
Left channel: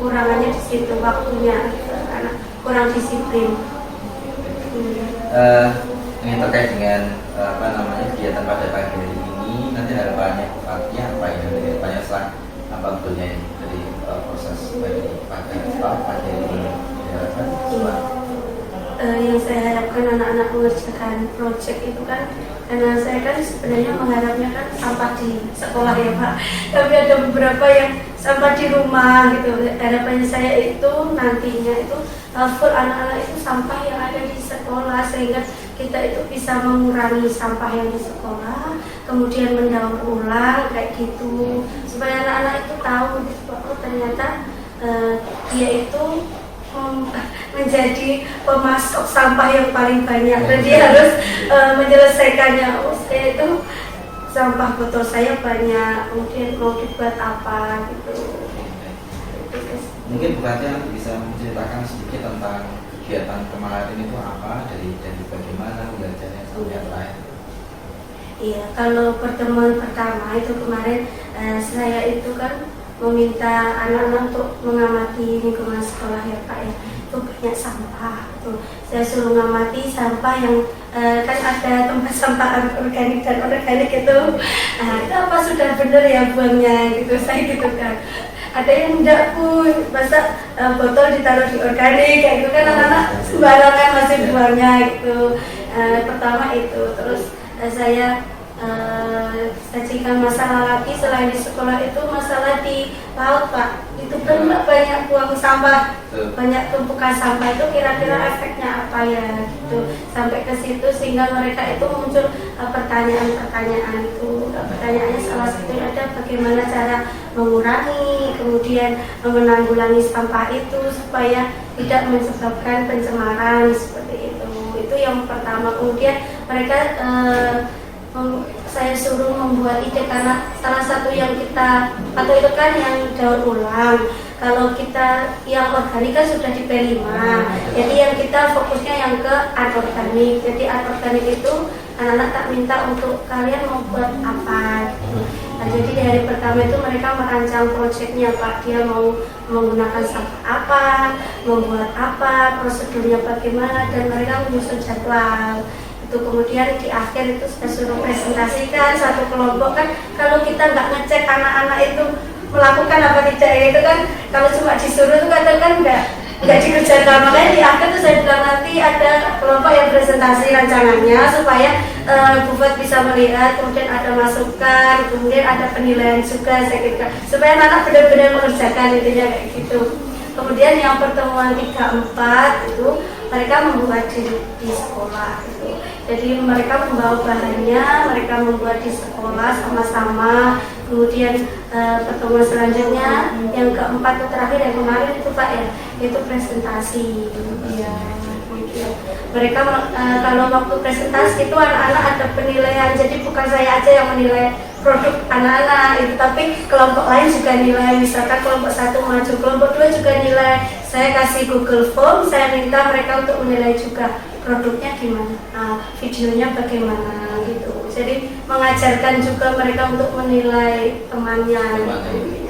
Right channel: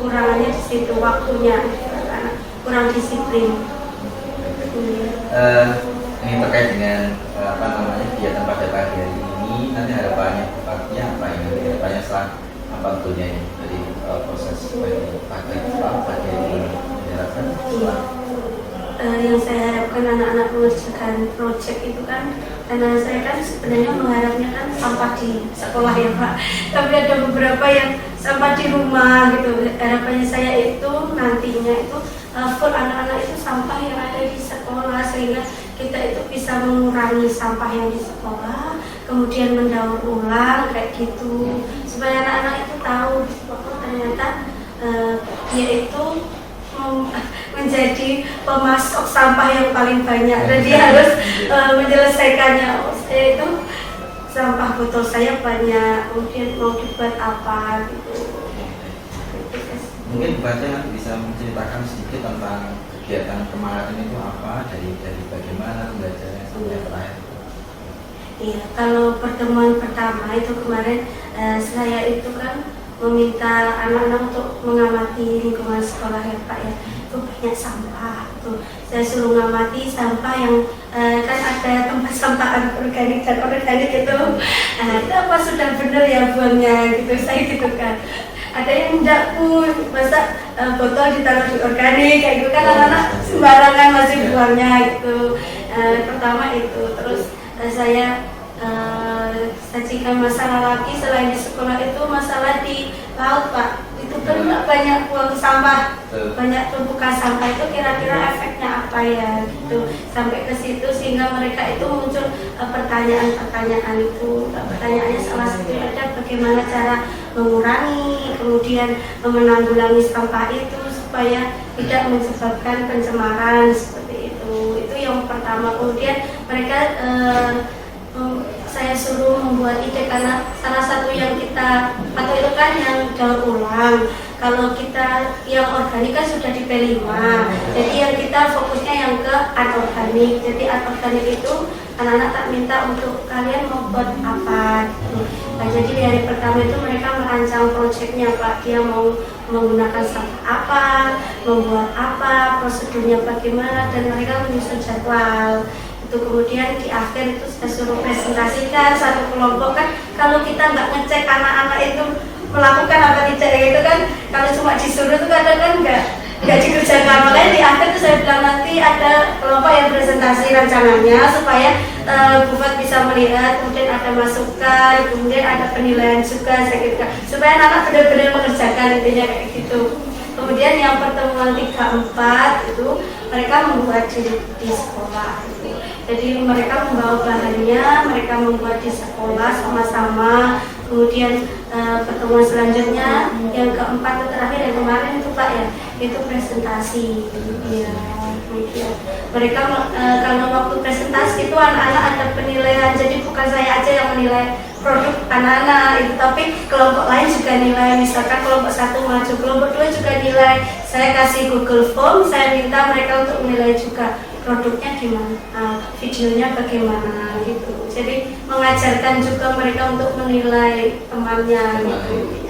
kurangannya di situ waktunya karena kurang disiplin. Ini terkait dengan kegiatan pada pagi hari ini, nanti harapannya apa ya? Harapannya apa betulnya ini dari proses pagi hari ini diharapkan? Yang saya harapkan anak-anak mengerjakan proyek itu kan, karena saya kan sebenarnya mengharapnya kan sampah di sekolah ya Pak, tapi ada beberapa yang sampah di rumah gitu. Harapannya saya itu nantinya itu full anak-anak itu sampah yang ada di sekolah, sehingga kita itu bisa mengurangi sampah yang di sekolah, kemudian mendaur ulang kayak gitu, supaya anak-anak itu tahu bahwa ternyata dia itu menjadi pemasok sampah yang paling banyak dan dia harus menyelesaikannya. Saya itu sampah botol saya banyak, kemudian mau dibuat apa gitu. Mungkin Bu Fatia bisa menceritakan sedikit tentang kegiatan kemarin itu apa, dari bagaimana pembelajarannya sampai yang terakhir. Iya, kalau pertemuan pertama itu kemarin saya itu kan meminta anak-anak untuk mengamati lingkungan sekolah ya Pak ya. Itu banyak sampah tuh. Saya suruh mengamati sampah yang kan ada tempat sampah organik dan organik itu. Itu apa sudah benar ya buangnya gitu, saya gitu kan. Ada yang enggak Bu, masa botol ditaruh di organik kayak gitu kan, anak-anak sembarangan masih buangnya gitu. Pertama itu, terus saya sajikan masalah lagi selain di sekolah itu masalah di laut Pak. Itu banyak buang sampah, banyak tumpukan sampah, itu kira-kira efeknya apa ya gitu, sampai ke situ sehingga mereka itu muncul pertanyaan-pertanyaan itu. Pertanyaannya salah satunya ada bagaimana cara mengurangi, kemudian menanggulangi sampah itu supaya tidak menyebabkan pencemaran seperti itu. Itu yang pertama. Kemudian mereka saya suruh membuat ide, karena salah satu yang kita atau itu kan yang daur ulang. Kalau kita yang organik kan sudah di P5, jadi yang kita fokusnya yang ke anorganik. Jadi anorganik itu anak-anak tak minta untuk kalian mau buat apa gitu. Nah, jadi di hari pertama itu mereka merancang proyeknya Pak, dia mau menggunakan sampah apa, membuat apa, prosedurnya bagaimana, dan mereka menyusun jadwal. Kemudian di akhir itu saya suruh presentasikan satu kelompok kan, kalau kita nggak ngecek anak-anak itu melakukan apa tidak gitu kan, kalau cuma disuruh itu kadang kan nggak dikerjakan. Makanya di akhir itu saya bilang nanti ada kelompok yang presentasi rancangannya supaya Bufat bisa melihat, kemudian ada masukan, kemudian ada penilaian juga, saya kira supaya anak-anak benar-benar mengerjakan, intinya kayak gitu. Kemudian yang pertemuan 3-4 itu mereka membuat di sekolah gitu. Jadi mereka membawa bahannya, mereka membuat di sekolah sama-sama. Kemudian pertemuan selanjutnya yang keempat itu terakhir yang kemarin itu Pak ya, itu presentasi. Ya, kemudian mereka kalau waktu presentasi itu anak-anak ada penilaian. Jadi bukan saya aja yang menilai produk anak-anak itu, tapi kelompok lain juga nilai. Misalkan kelompok 1 maju, kelompok 2 juga nilai. Saya kasih Google Form, saya minta mereka untuk menilai juga produknya gimana, videonya bagaimana gitu. Jadi mengajarkan juga mereka untuk menilai temannya gitu.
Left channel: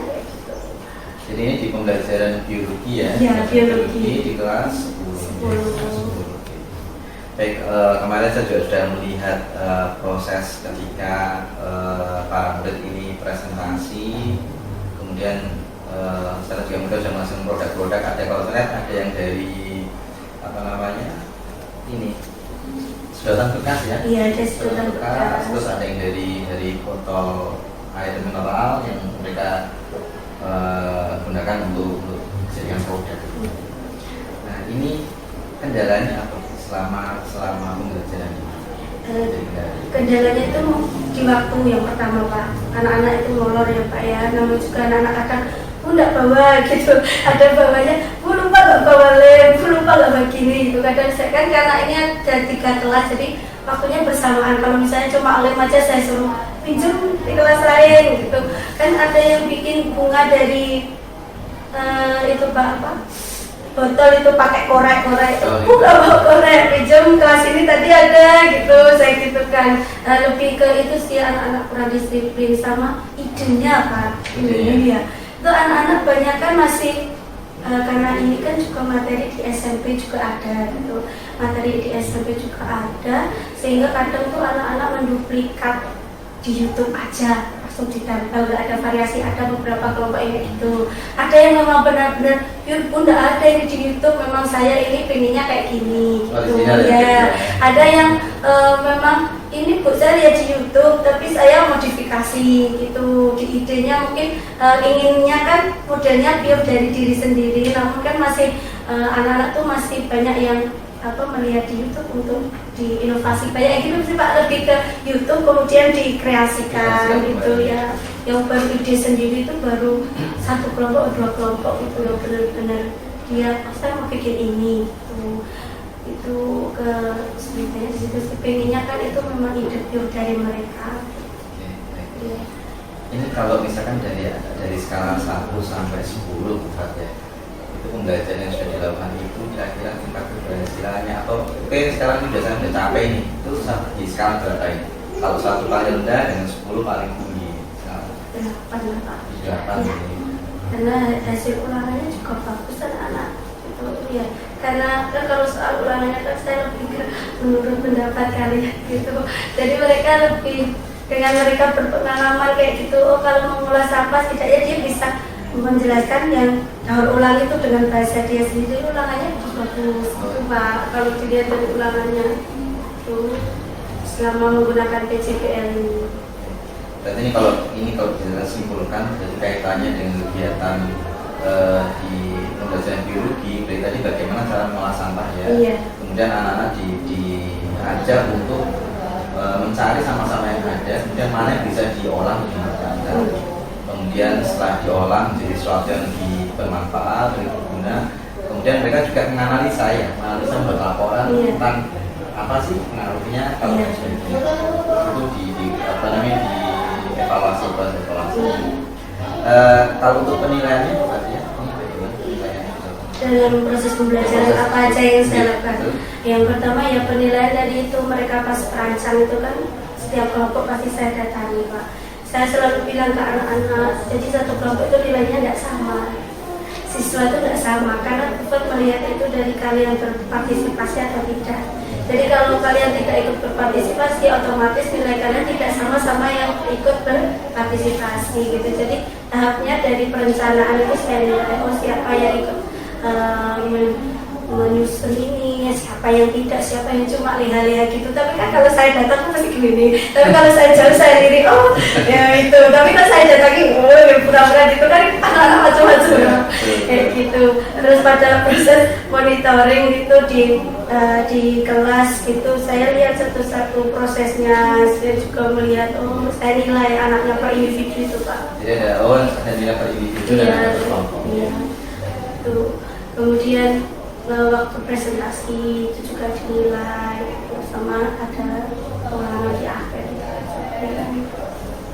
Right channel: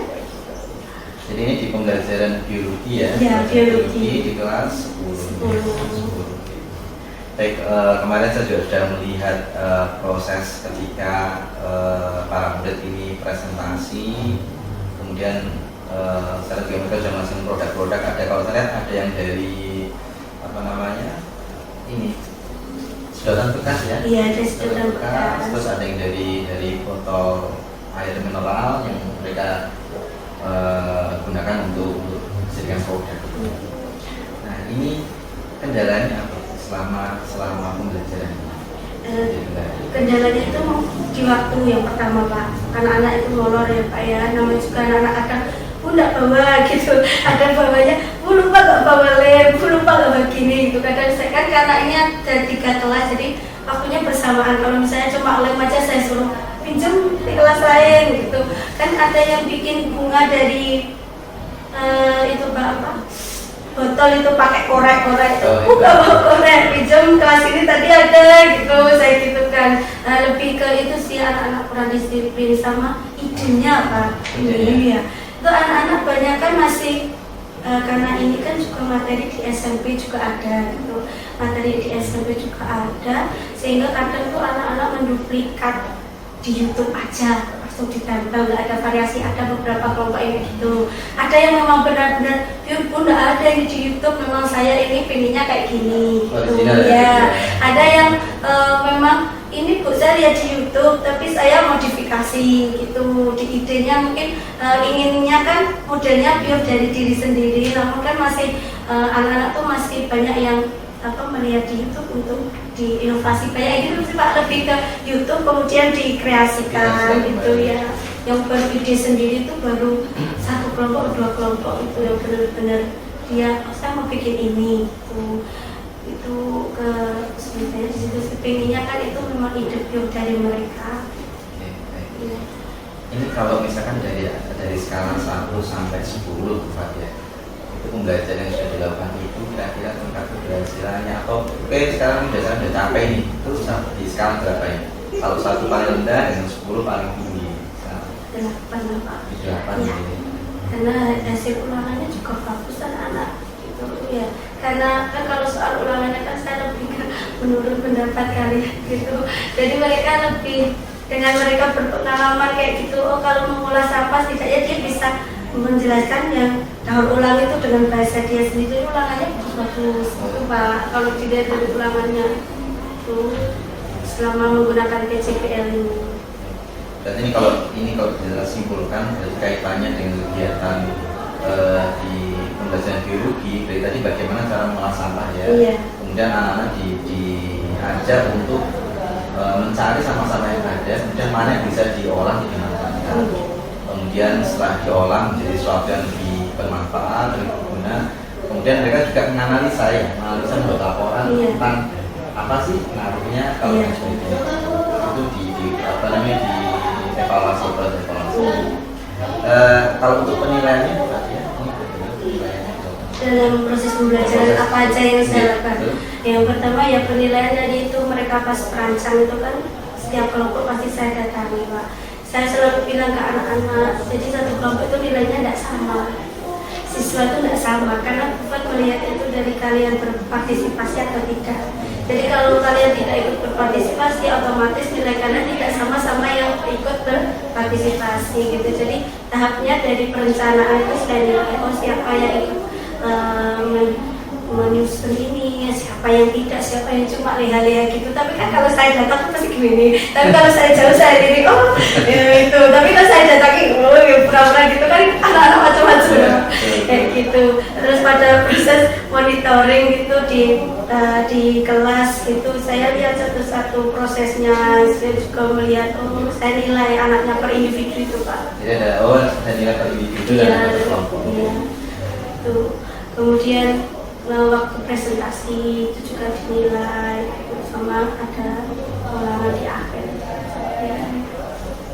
Jadi ini di pembelajaran biologi ya? Ya, biologi di kelas 10. Baik, kemarin saya juga sudah melihat proses ketika para murid ini presentasi, kemudian secara juga mereka sudah masuk produk-produk. Ada, kalau saya lihat ada yang dari ini sedotan bekas ya? Iya, ada sedotan bekas. Terus ada yang dari botol air mineral yang mereka gunakan untuk dijadikan produk. Nah, ini kendalanya apa selama pembelajaran ini? Kendalanya itu di waktu yang pertama Pak, anak-anak itu molor ya Pak ya, namanya juga anak-anak kadang nggak bawa gitu, ada bawanya, lupa nggak bawa lem, lupa nggak begini gitu. Kadang saya kan karena ini ada 3 kelas, jadi waktunya bersamaan. Kalau misalnya cuma lem aja saya suruh pinjam di kelas lain gitu. Kan ada yang bikin bunga dari itu Pak apa? Botol itu pakai korek-korek itu, Oh, nggak mau korek, pinjam kelas ini tadi ada gitu, saya gitu kan. Lebih ke itu sih anak-anak kurang disiplin sama idenya Pak. Ini ya, itu anak-anak banyak kan masih karena ini kan juga materi di SMP juga ada gitu, materi di SMP juga ada, sehingga kadang tuh anak-anak menduplikat di YouTube aja langsung ditempel, nggak ada variasi. Ada beberapa kelompok yang gitu, ada yang memang benar-benar pun nggak ada yang di YouTube, memang saya ini pengennya kayak gini gitu ya. Ada yang memang ini Bu saya lihat di YouTube tapi saya modifikasi gitu, di idenya mungkin inginnya kan modelnya pure dari diri sendiri, namun kan masih anak-anak tuh masih banyak yang melihat di YouTube untuk diinovasi, banyak yang gitu sih Pak, lebih ke YouTube kemudian dikreasikan gitu ya. Yang baru ide sendiri itu baru satu kelompok, dua kelompok itu yang benar-benar dia saya mau bikin ini gitu. Itu ke sebenarnya di situ pengennya kan itu memang ide pure dari mereka. Oke. Ini kalau misalkan dari skala 1 sampai 10 Pak ya, itu pembelajaran yang sudah dilakukan itu kira-kira tingkat keberhasilannya atau oke sekarang ini biasanya udah capek nih, itu di skala berapa ya? Satu paling rendah dengan 10 paling tinggi. 8 Pak. 8 Ya. Karena hasil ulangannya juga bagus anak-anak gitu ya. Karena kan kalau soal ulangannya kan saya lebih ke menurut pendapat kalian gitu. Jadi mereka lebih dengan mereka berpengalaman kayak gitu. Oh kalau mengolah sampah setidaknya dia bisa menjelaskan yang daur ulang itu dengan bahasa dia sendiri. Ulangannya bagus gitu Pak. Kalau dilihat dari ulangannya itu selama menggunakan PCPL ini. Berarti ini kalau bisa simpulkan berarti kaitannya dengan kegiatan di pembelajaran biologi dari tadi bagaimana cara mengolah sampah ya. Iya. Kemudian anak-anak diajar untuk mencari sama-sama yang ada, kemudian mana yang bisa diolah dengan cara. Kemudian setelah diolah menjadi sesuatu yang lebih bermanfaat, lebih berguna. Kemudian mereka juga menganalisa membuat laporan tentang apa sih pengaruhnya kalau sebagainya. Itu evaluasi proses evaluasi. Kalau untuk penilaiannya Pak ya, dalam proses pembelajaran apa aja yang saya lakukan. Yang pertama ya penilaian dari itu mereka pas perancang itu kan setiap kelompok pasti saya datangi Pak. Saya selalu bilang ke anak-anak, jadi satu kelompok itu nilainya tidak sama, siswa itu tidak sama karena dapat melihat itu dari kalian berpartisipasi atau tidak. Jadi kalau kalian tidak ikut berpartisipasi, otomatis nilai kalian tidak sama-sama yang ikut berpartisipasi gitu. Jadi tahapnya dari perencanaan itu saya nilai, oh siapa yang ikut menyusun ini, siapa yang tidak, siapa yang cuma lihat-lihat gitu. Tapi kan kalau saya datang kan pasti gini. Tapi kalau saya jauh saya lirik, oh ya itu. Tapi kalau saya datangi, oh ya pura-pura gitu kan anak-anak macam-macam kayak gitu. Terus pada proses monitoring itu di kelas gitu, saya lihat satu-satu prosesnya. Saya juga melihat, oh saya nilai anaknya per individu itu Pak. Jadi ada nilai per individu dan per kelompok. Iya. Itu. Kemudian waktu presentasi itu juga dinilai sama ada ulangan di akhir.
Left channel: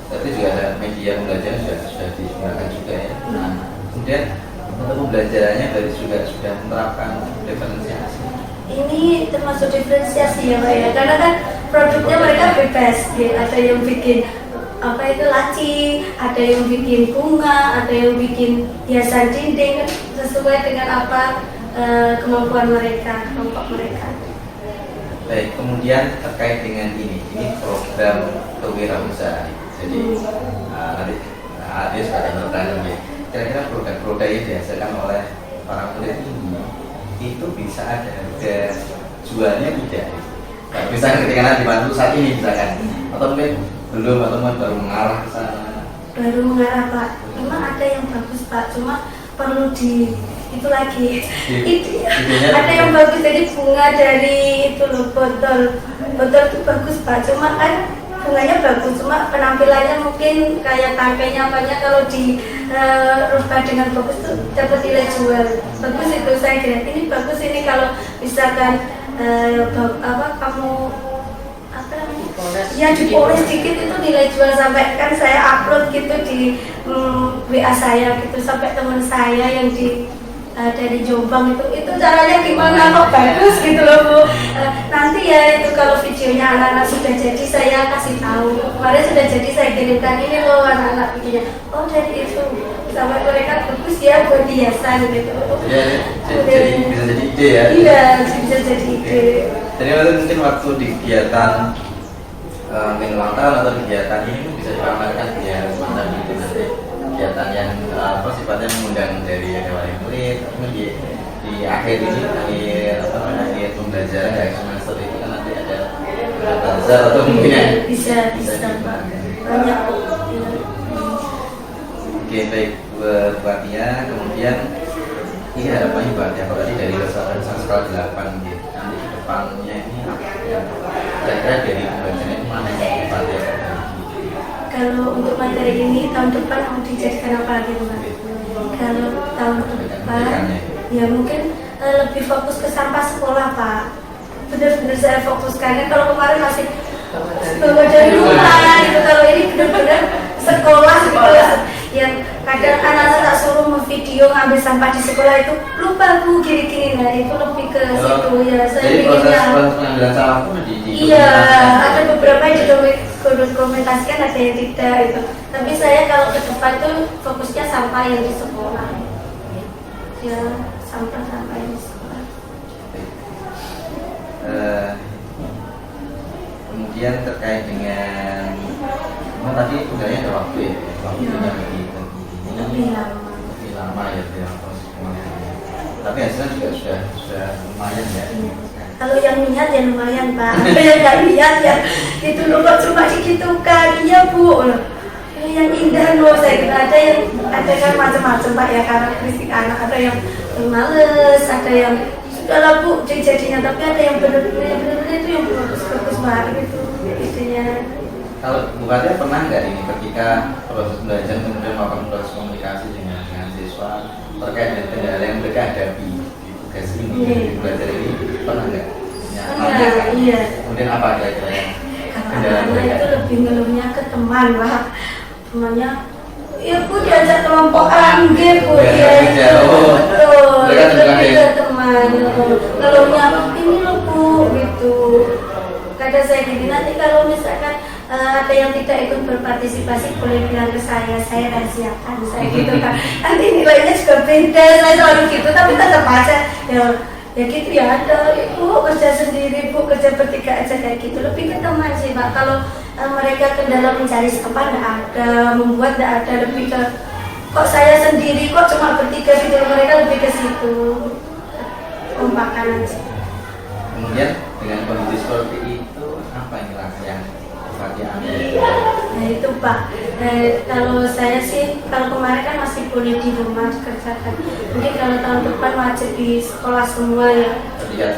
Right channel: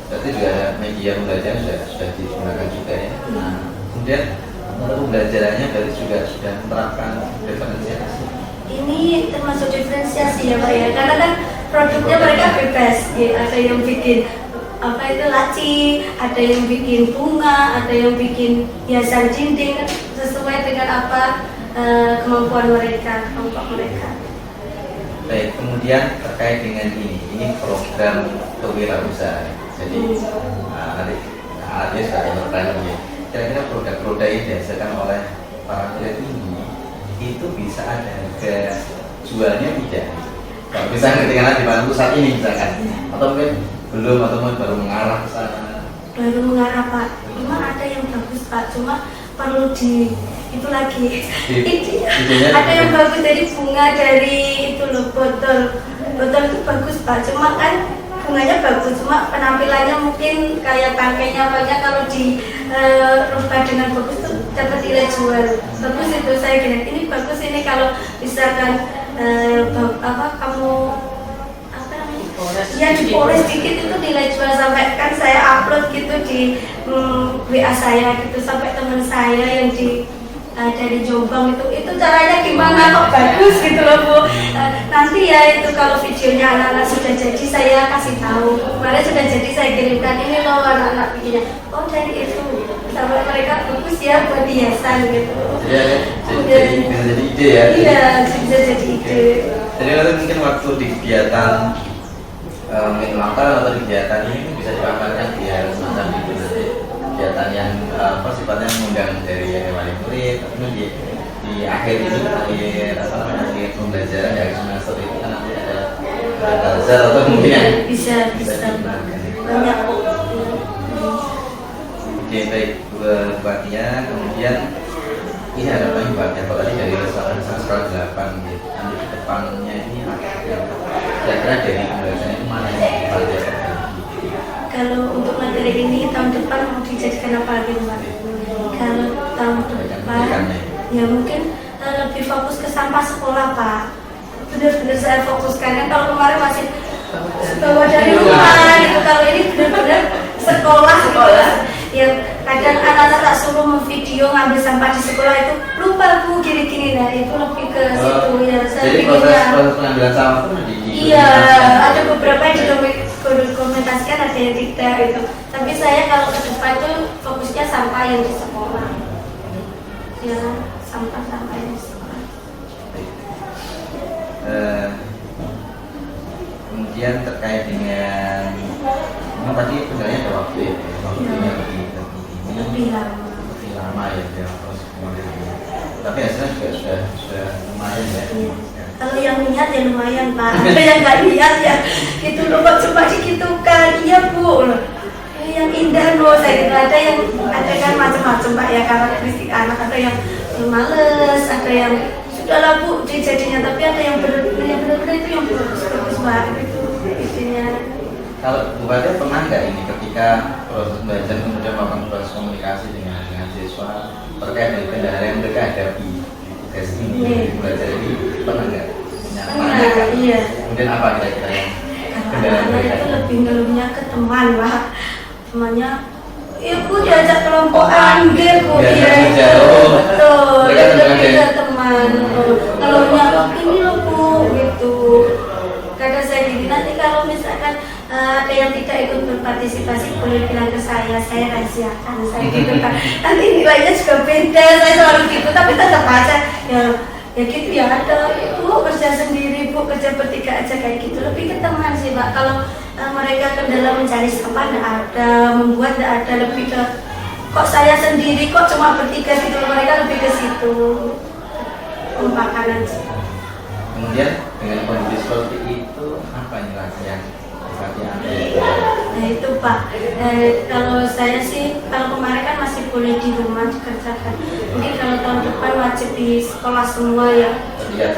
Berarti juga ada media pembelajaran sudah digunakan juga ya. Nah, kemudian untuk pembelajarannya dari sudah menerapkan diferensiasi. Ini termasuk diferensiasi ya Pak ya, karena kan produknya mereka bebas gitu. Ada yang bikin apa itu laci, ada yang bikin bunga, ada yang bikin hiasan dinding kan sesuai dengan apa kemampuan mereka, kelompok mereka. Baik, kemudian terkait dengan ini program kewirausahaan. Jadi nanti Ade sebagai bertanya nih, kira-kira produk-produk yang dihasilkan oleh para kulit ini itu bisa ada harga jualnya tidak? Kalau misalnya ketika dibantu saat ini misalkan, atau mungkin belum atau baru mengarah ke sana? Baru mengarah Pak, memang ada yang bagus Pak, cuma perlu itu lagi ada yang bagus dari bunga dari itu loh botol itu bagus Pak, cuma kan bunganya bagus, cuma penampilannya mungkin kayak tangkainya banyak, kalau dirubah dengan bagus tuh dapat nilai jual bagus. Itu saya kira ini bagus, ini kalau misalkan kamu apa namanya Ya dipoles dikit itu nilai jual sampai kan saya upload gitu di WA saya gitu sampai teman saya yang dari Jombang itu caranya gimana kok bagus gitu loh Bu. Nanti ya itu kalau videonya anak-anak sudah jadi saya kasih tahu. Kemarin sudah jadi saya kirimkan ini loh anak-anak bikinnya. Oh dari itu sampai mereka bagus ya buat hiasan gitu. Jadi bisa jadi ide ya. Iya bisa jadi ide. Jadi mungkin waktu di kegiatan mungkin ulang tahun atau kegiatan ini bisa dipamerkan biar semacam itu nanti kegiatan yang sifatnya mengundang dari wali murid, tapi di akhir ini akhir pembelajaran dari semester itu kan nanti ada bazar atau mungkin ya bisa banyak kok. Oke baik buat Tia, kemudian ini harapannya buat Tia kalau tadi dari sekolah 8 gitu, nanti ke depannya ini apa ya? Kira-kira dari pembelajaran itu mana yang buat Tia? Kalau untuk materi ini tahun depan mau dijadikan apa lagi Pak? Kalau tahun depan ya mungkin lebih fokus ke sampah sekolah Pak. Benar-benar saya fokuskan kan kalau kemarin masih bawa dari rumah gitu, kalau ini benar-benar sekolah gitu. Yang kadang anak-anak tak suruh memvideo ngambil sampah di sekolah itu lupa Bu gini-gini, nah itu lebih ke situ ya. Saya jadi bikinnya proses pengambilan sampah itu iya, ada beberapa yang didokumentasikan, ada yang tidak gitu. Tapi saya kalau ke depan tuh fokusnya sampah yang di sekolah. Ya, sampah-sampah yang di sekolah. Kemudian terkait dengan tadi sebenarnya ada waktu ya, waktunya Lebih lama. lebih lama ya dia proses pengambilan. Tapi hasilnya juga sudah lumayan ya. Iya. Kalau yang niat ya lumayan Pak, kalau yang nggak niat ya itu loh kok cuma digitukan, iya Bu. Yang indah loh, saya kira ada kan macam-macam Pak ya karakteristik anak, ada yang males, ada yang sudahlah Bu jadinya, tapi ada yang benar-benar itu yang bagus banget itu itunya. Kalau Bu Fatia pernah nggak ini ketika proses belajar kemudian melakukan proses komunikasi dengan siswa terkait dengan kendala yang mereka hadapi di tugas ini, belajar ini pernah nggak? Pernah, iya. Kemudian apa kira-kira yang Kalau anak itu lebih ngeluhnya ke teman Pak, temannya ya Bu diajak kelompokan gitu ya betul, itu lebih ke teman ngeluhnya ini loh Bu gitu. Kadang saya gini, nanti kalau misalkan ada yang tidak ikut berpartisipasi boleh bilang ke saya rahasiakan saya gitu kan. Nanti nilainya juga beda, saya selalu gitu, tapi tetap aja ya gitu ya ada Bu kerja sendiri Bu kerja bertiga aja kayak gitu, lebih ke teman sih Pak. Kalau mereka kendala mencari sampah tidak ada, membuat tidak ada, lebih ke kok saya sendiri kok cuma bertiga gitu, mereka lebih ke situ kompakan aja. kemudian dengan kondisi seperti itu apa yang yang Nah itu Pak, kalau saya sih kalau kemarin kan masih boleh di rumah dikerjakan. Mungkin kalau tahun depan wajib di sekolah semua ya.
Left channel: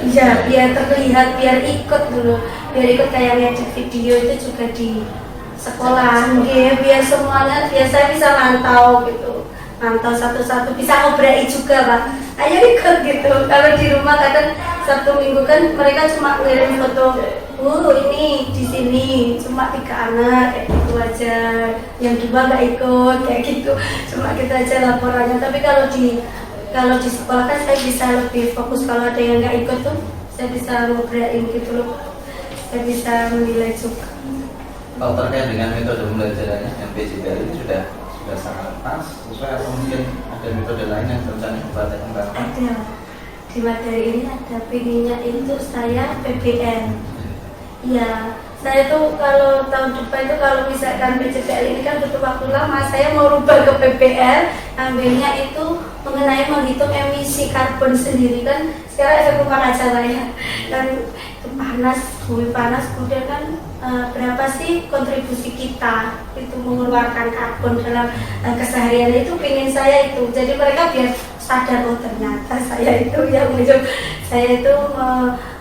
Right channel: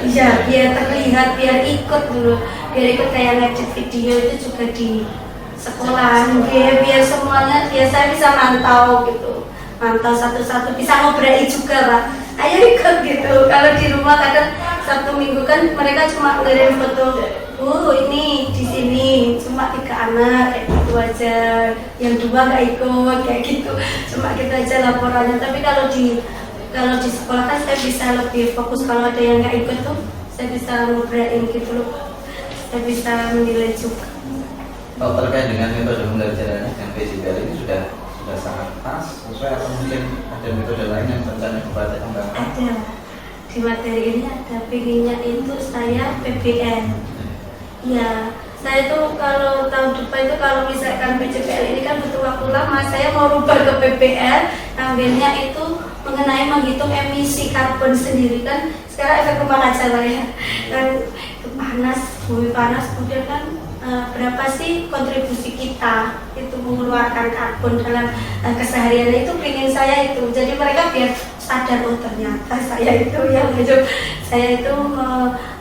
Iya, biar terlihat, biar ikut dulu, biar ikut kayak ngedit video itu juga di sekolah. Biar semuanya, biar saya bisa mantau gitu, mantau satu-satu, bisa ngobrol juga Pak. Ayo ikut gitu. Kalau di rumah kadang Sabtu Minggu kan mereka cuma ngirim foto, ini di sini cuma 3 anak kayak gitu aja, yang 2 nggak ikut kayak gitu, cuma gitu aja laporannya. Tapi kalau di sekolah kan saya bisa lebih fokus, kalau ada yang nggak ikut tuh saya bisa ngobrolin gitu loh, saya bisa menilai juga. Kalau terkait dengan metode pembelajarannya MPC ini sudah sangat pas sesuai atau mungkin ada metode lain yang rencana dibaca kembangkan? Ada di materi ini ada pinginnya itu saya PBL. Ya, saya tuh kalau tahun depan itu kalau misalkan PCPL ini kan butuh waktu lama, saya mau rubah ke PBL, ambilnya itu mengenai menghitung emisi karbon sendiri kan. Sekarang efek rumah kaca lah ya, kan itu panas, bumi panas, kemudian kan berapa sih kontribusi kita itu mengeluarkan karbon dalam keseharian itu, pengen saya itu. Jadi mereka biar sadar, oh ternyata saya itu yang saya itu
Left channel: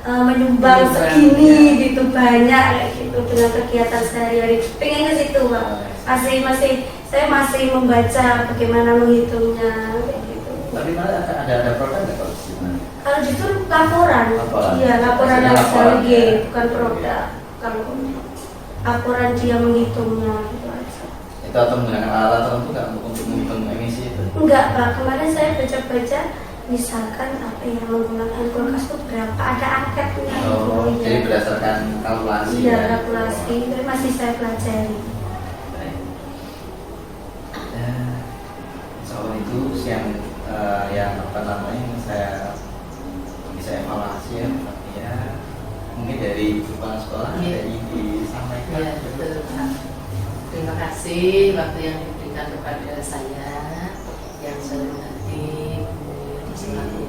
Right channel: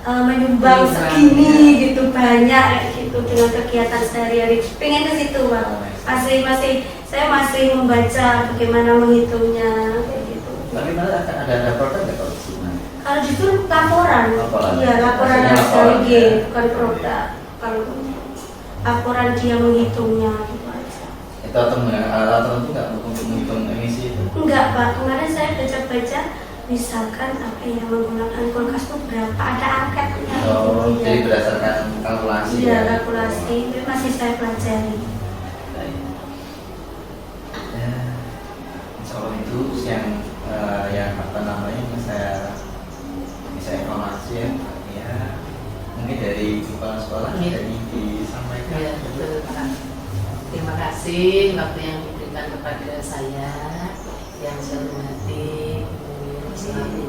menyumbang segini gitu banyak kayak gitu dengan kegiatan sehari-hari. Pengen ke situ Pak. Saya masih membaca bagaimana menghitungnya kayak gitu. Tapi malah ada produk nggak kalau di sini? Kalau justru laporan. Iya, laporan hasil bukan produk. Kalau akuran dia menghitungnya gitu aja. Itu atau menggunakan alat tertentu nggak untuk menghitung emisi itu? Enggak Pak, kemarin saya baca-baca misalkan apa ya, menggunakan kulkas itu berapa, ada angkanya Oh, gitu, jadi ya. berdasarkan kalkulasi Iya, ya? kalkulasi, tapi masih saya pelajari. Ya, soal itu yang apa namanya yang saya bisa evaluasi ya mungkin dari kepala sekolah Iya. jadi disampaikan. Ya, betul Pak. Terima kasih waktu yang diberikan kepada saya yang saya hormati Bu selaku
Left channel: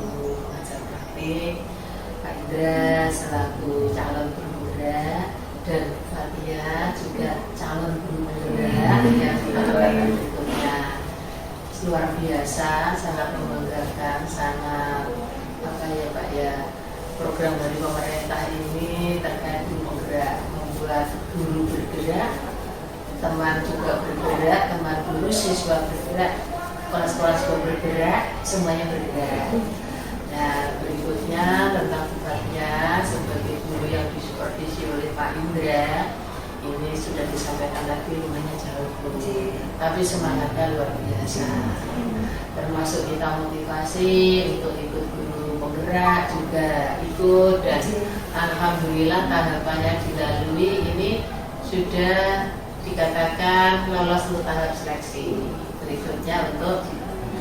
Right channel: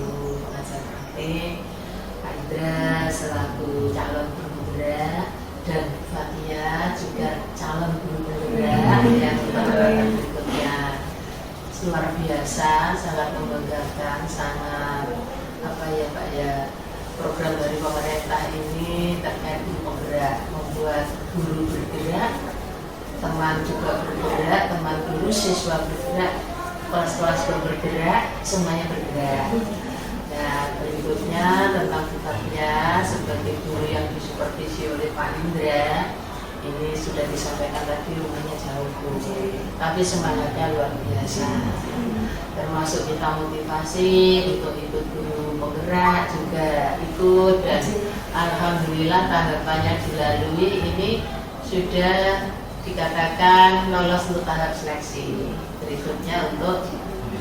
pengajar praktik, Kak Indra selaku calon guru penggerak, dan Fatia juga calon guru penggerak yang terbaik berikutnya. Luar biasa, sangat membanggakan, sangat apa ya Pak ya, program dari pemerintah ini terkait guru penggerak, membuat guru bergerak, teman juga bergerak, teman guru, siswa bergerak, kelas-kelas bergerak, semuanya bergerak. Nah, berikutnya tentang tugasnya sebagai guru yang disupervisi oleh Pak Indra, ini sudah disampaikan tadi, rumahnya jauh tapi semangatnya luar biasa. Termasuk kita motivasi untuk ikut guru penggerak juga ikut, dan alhamdulillah tahapannya dilalui, ini sudah dikatakan lolos untuk tahap seleksi. Berikutnya untuk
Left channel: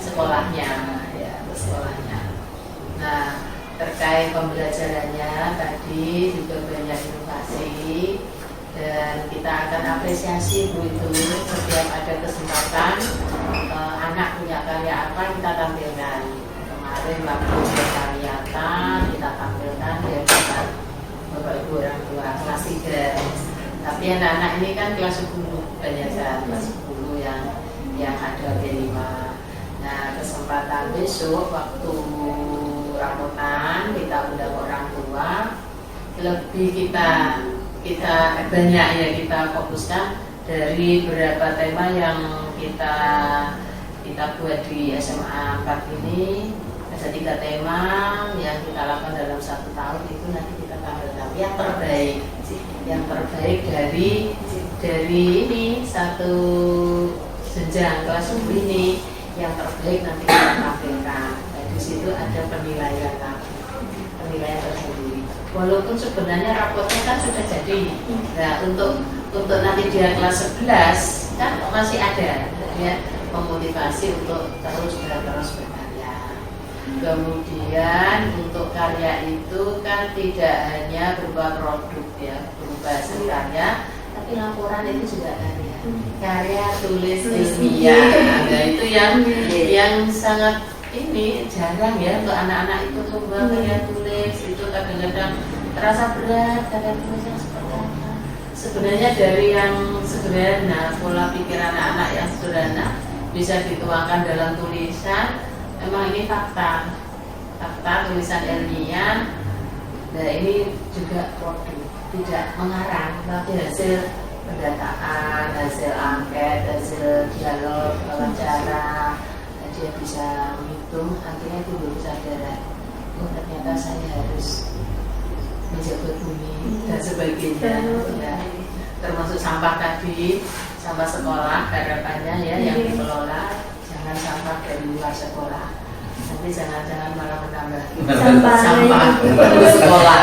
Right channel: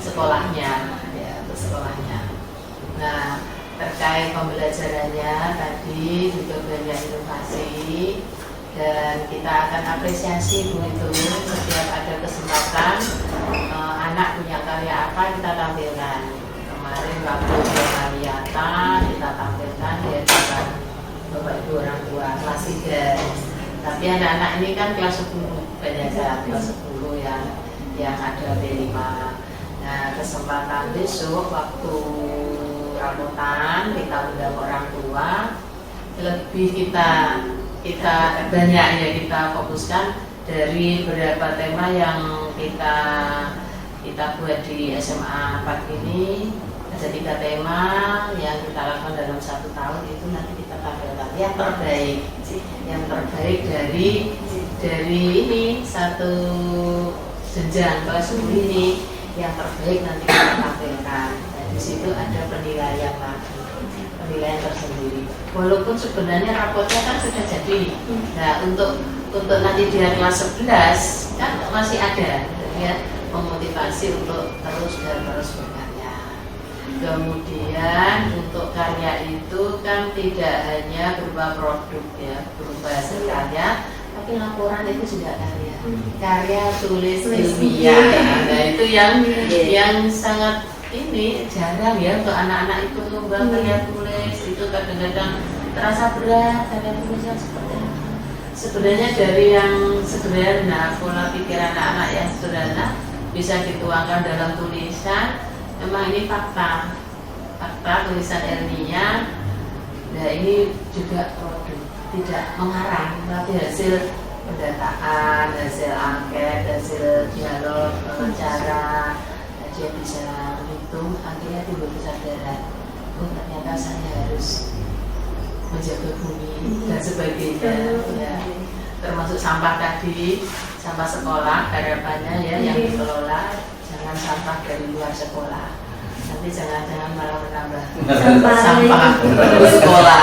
sekolahnya, ya untuk sekolahnya. Nah, terkait pembelajarannya tadi juga banyak inovasi, dan kita akan apresiasi Bu itu setiap ada kesempatan anak punya karya apa kita tampilkan. Kemarin waktu penglihatan kita tampilkan di hadapan Bapak Ibu orang tua kelas 3. Tapi anak-anak ini kan kelas 10 banyak kan, kelas 10 yang ada B5. Nah, kesempatan besok waktu rambutan kita undang orang tua, lebih kita banyak ya kita fokuskan dari beberapa tema yang kita buat di SMA 4 ini. Ada 3 tema yang kita lakukan dalam 1 tahun, itu nanti kita tampilkan yang terbaik dari ini satu jenjang kelas 10 ini, yang terbaik nanti kita tampilkan. Nah, di situ ada penilaian tersendiri. Walaupun sebenarnya rapotnya kan sudah jadi. Nah, untuk nanti dia kelas 11 kan masih ada, dia memotivasi untuk terus berkarya. Kemudian untuk karya itu kan tidak hanya berupa produk ya, berupa hasil karya, tapi laporan itu juga karya tulis ilmiah. Nah, itu yang sangat ini jarang ya untuk anak-anak itu lomba karya tulis, itu kadang-kadang terasa berat karya tulis yang seperti apa. Sebenarnya dari yang sederhana, pola pikir anak-anak yang sederhana bisa dituangkan dalam tulisan. Memang ini fakta tulisan ilmiah. Nah, ini juga produk, tidak mengarang, tapi hasil pendataan, hasil angket, hasil dialog, wawancara. Dia bisa menghitung, akhirnya timbul kesadaran, oh ternyata saya harus menjaga bumi dan sebagainya ya. Termasuk sampah tadi, sampah sekolah harapannya ya yang dikelola, jangan sampah dari luar sekolah, nanti jangan-jangan malah menambah sampah di sekolah.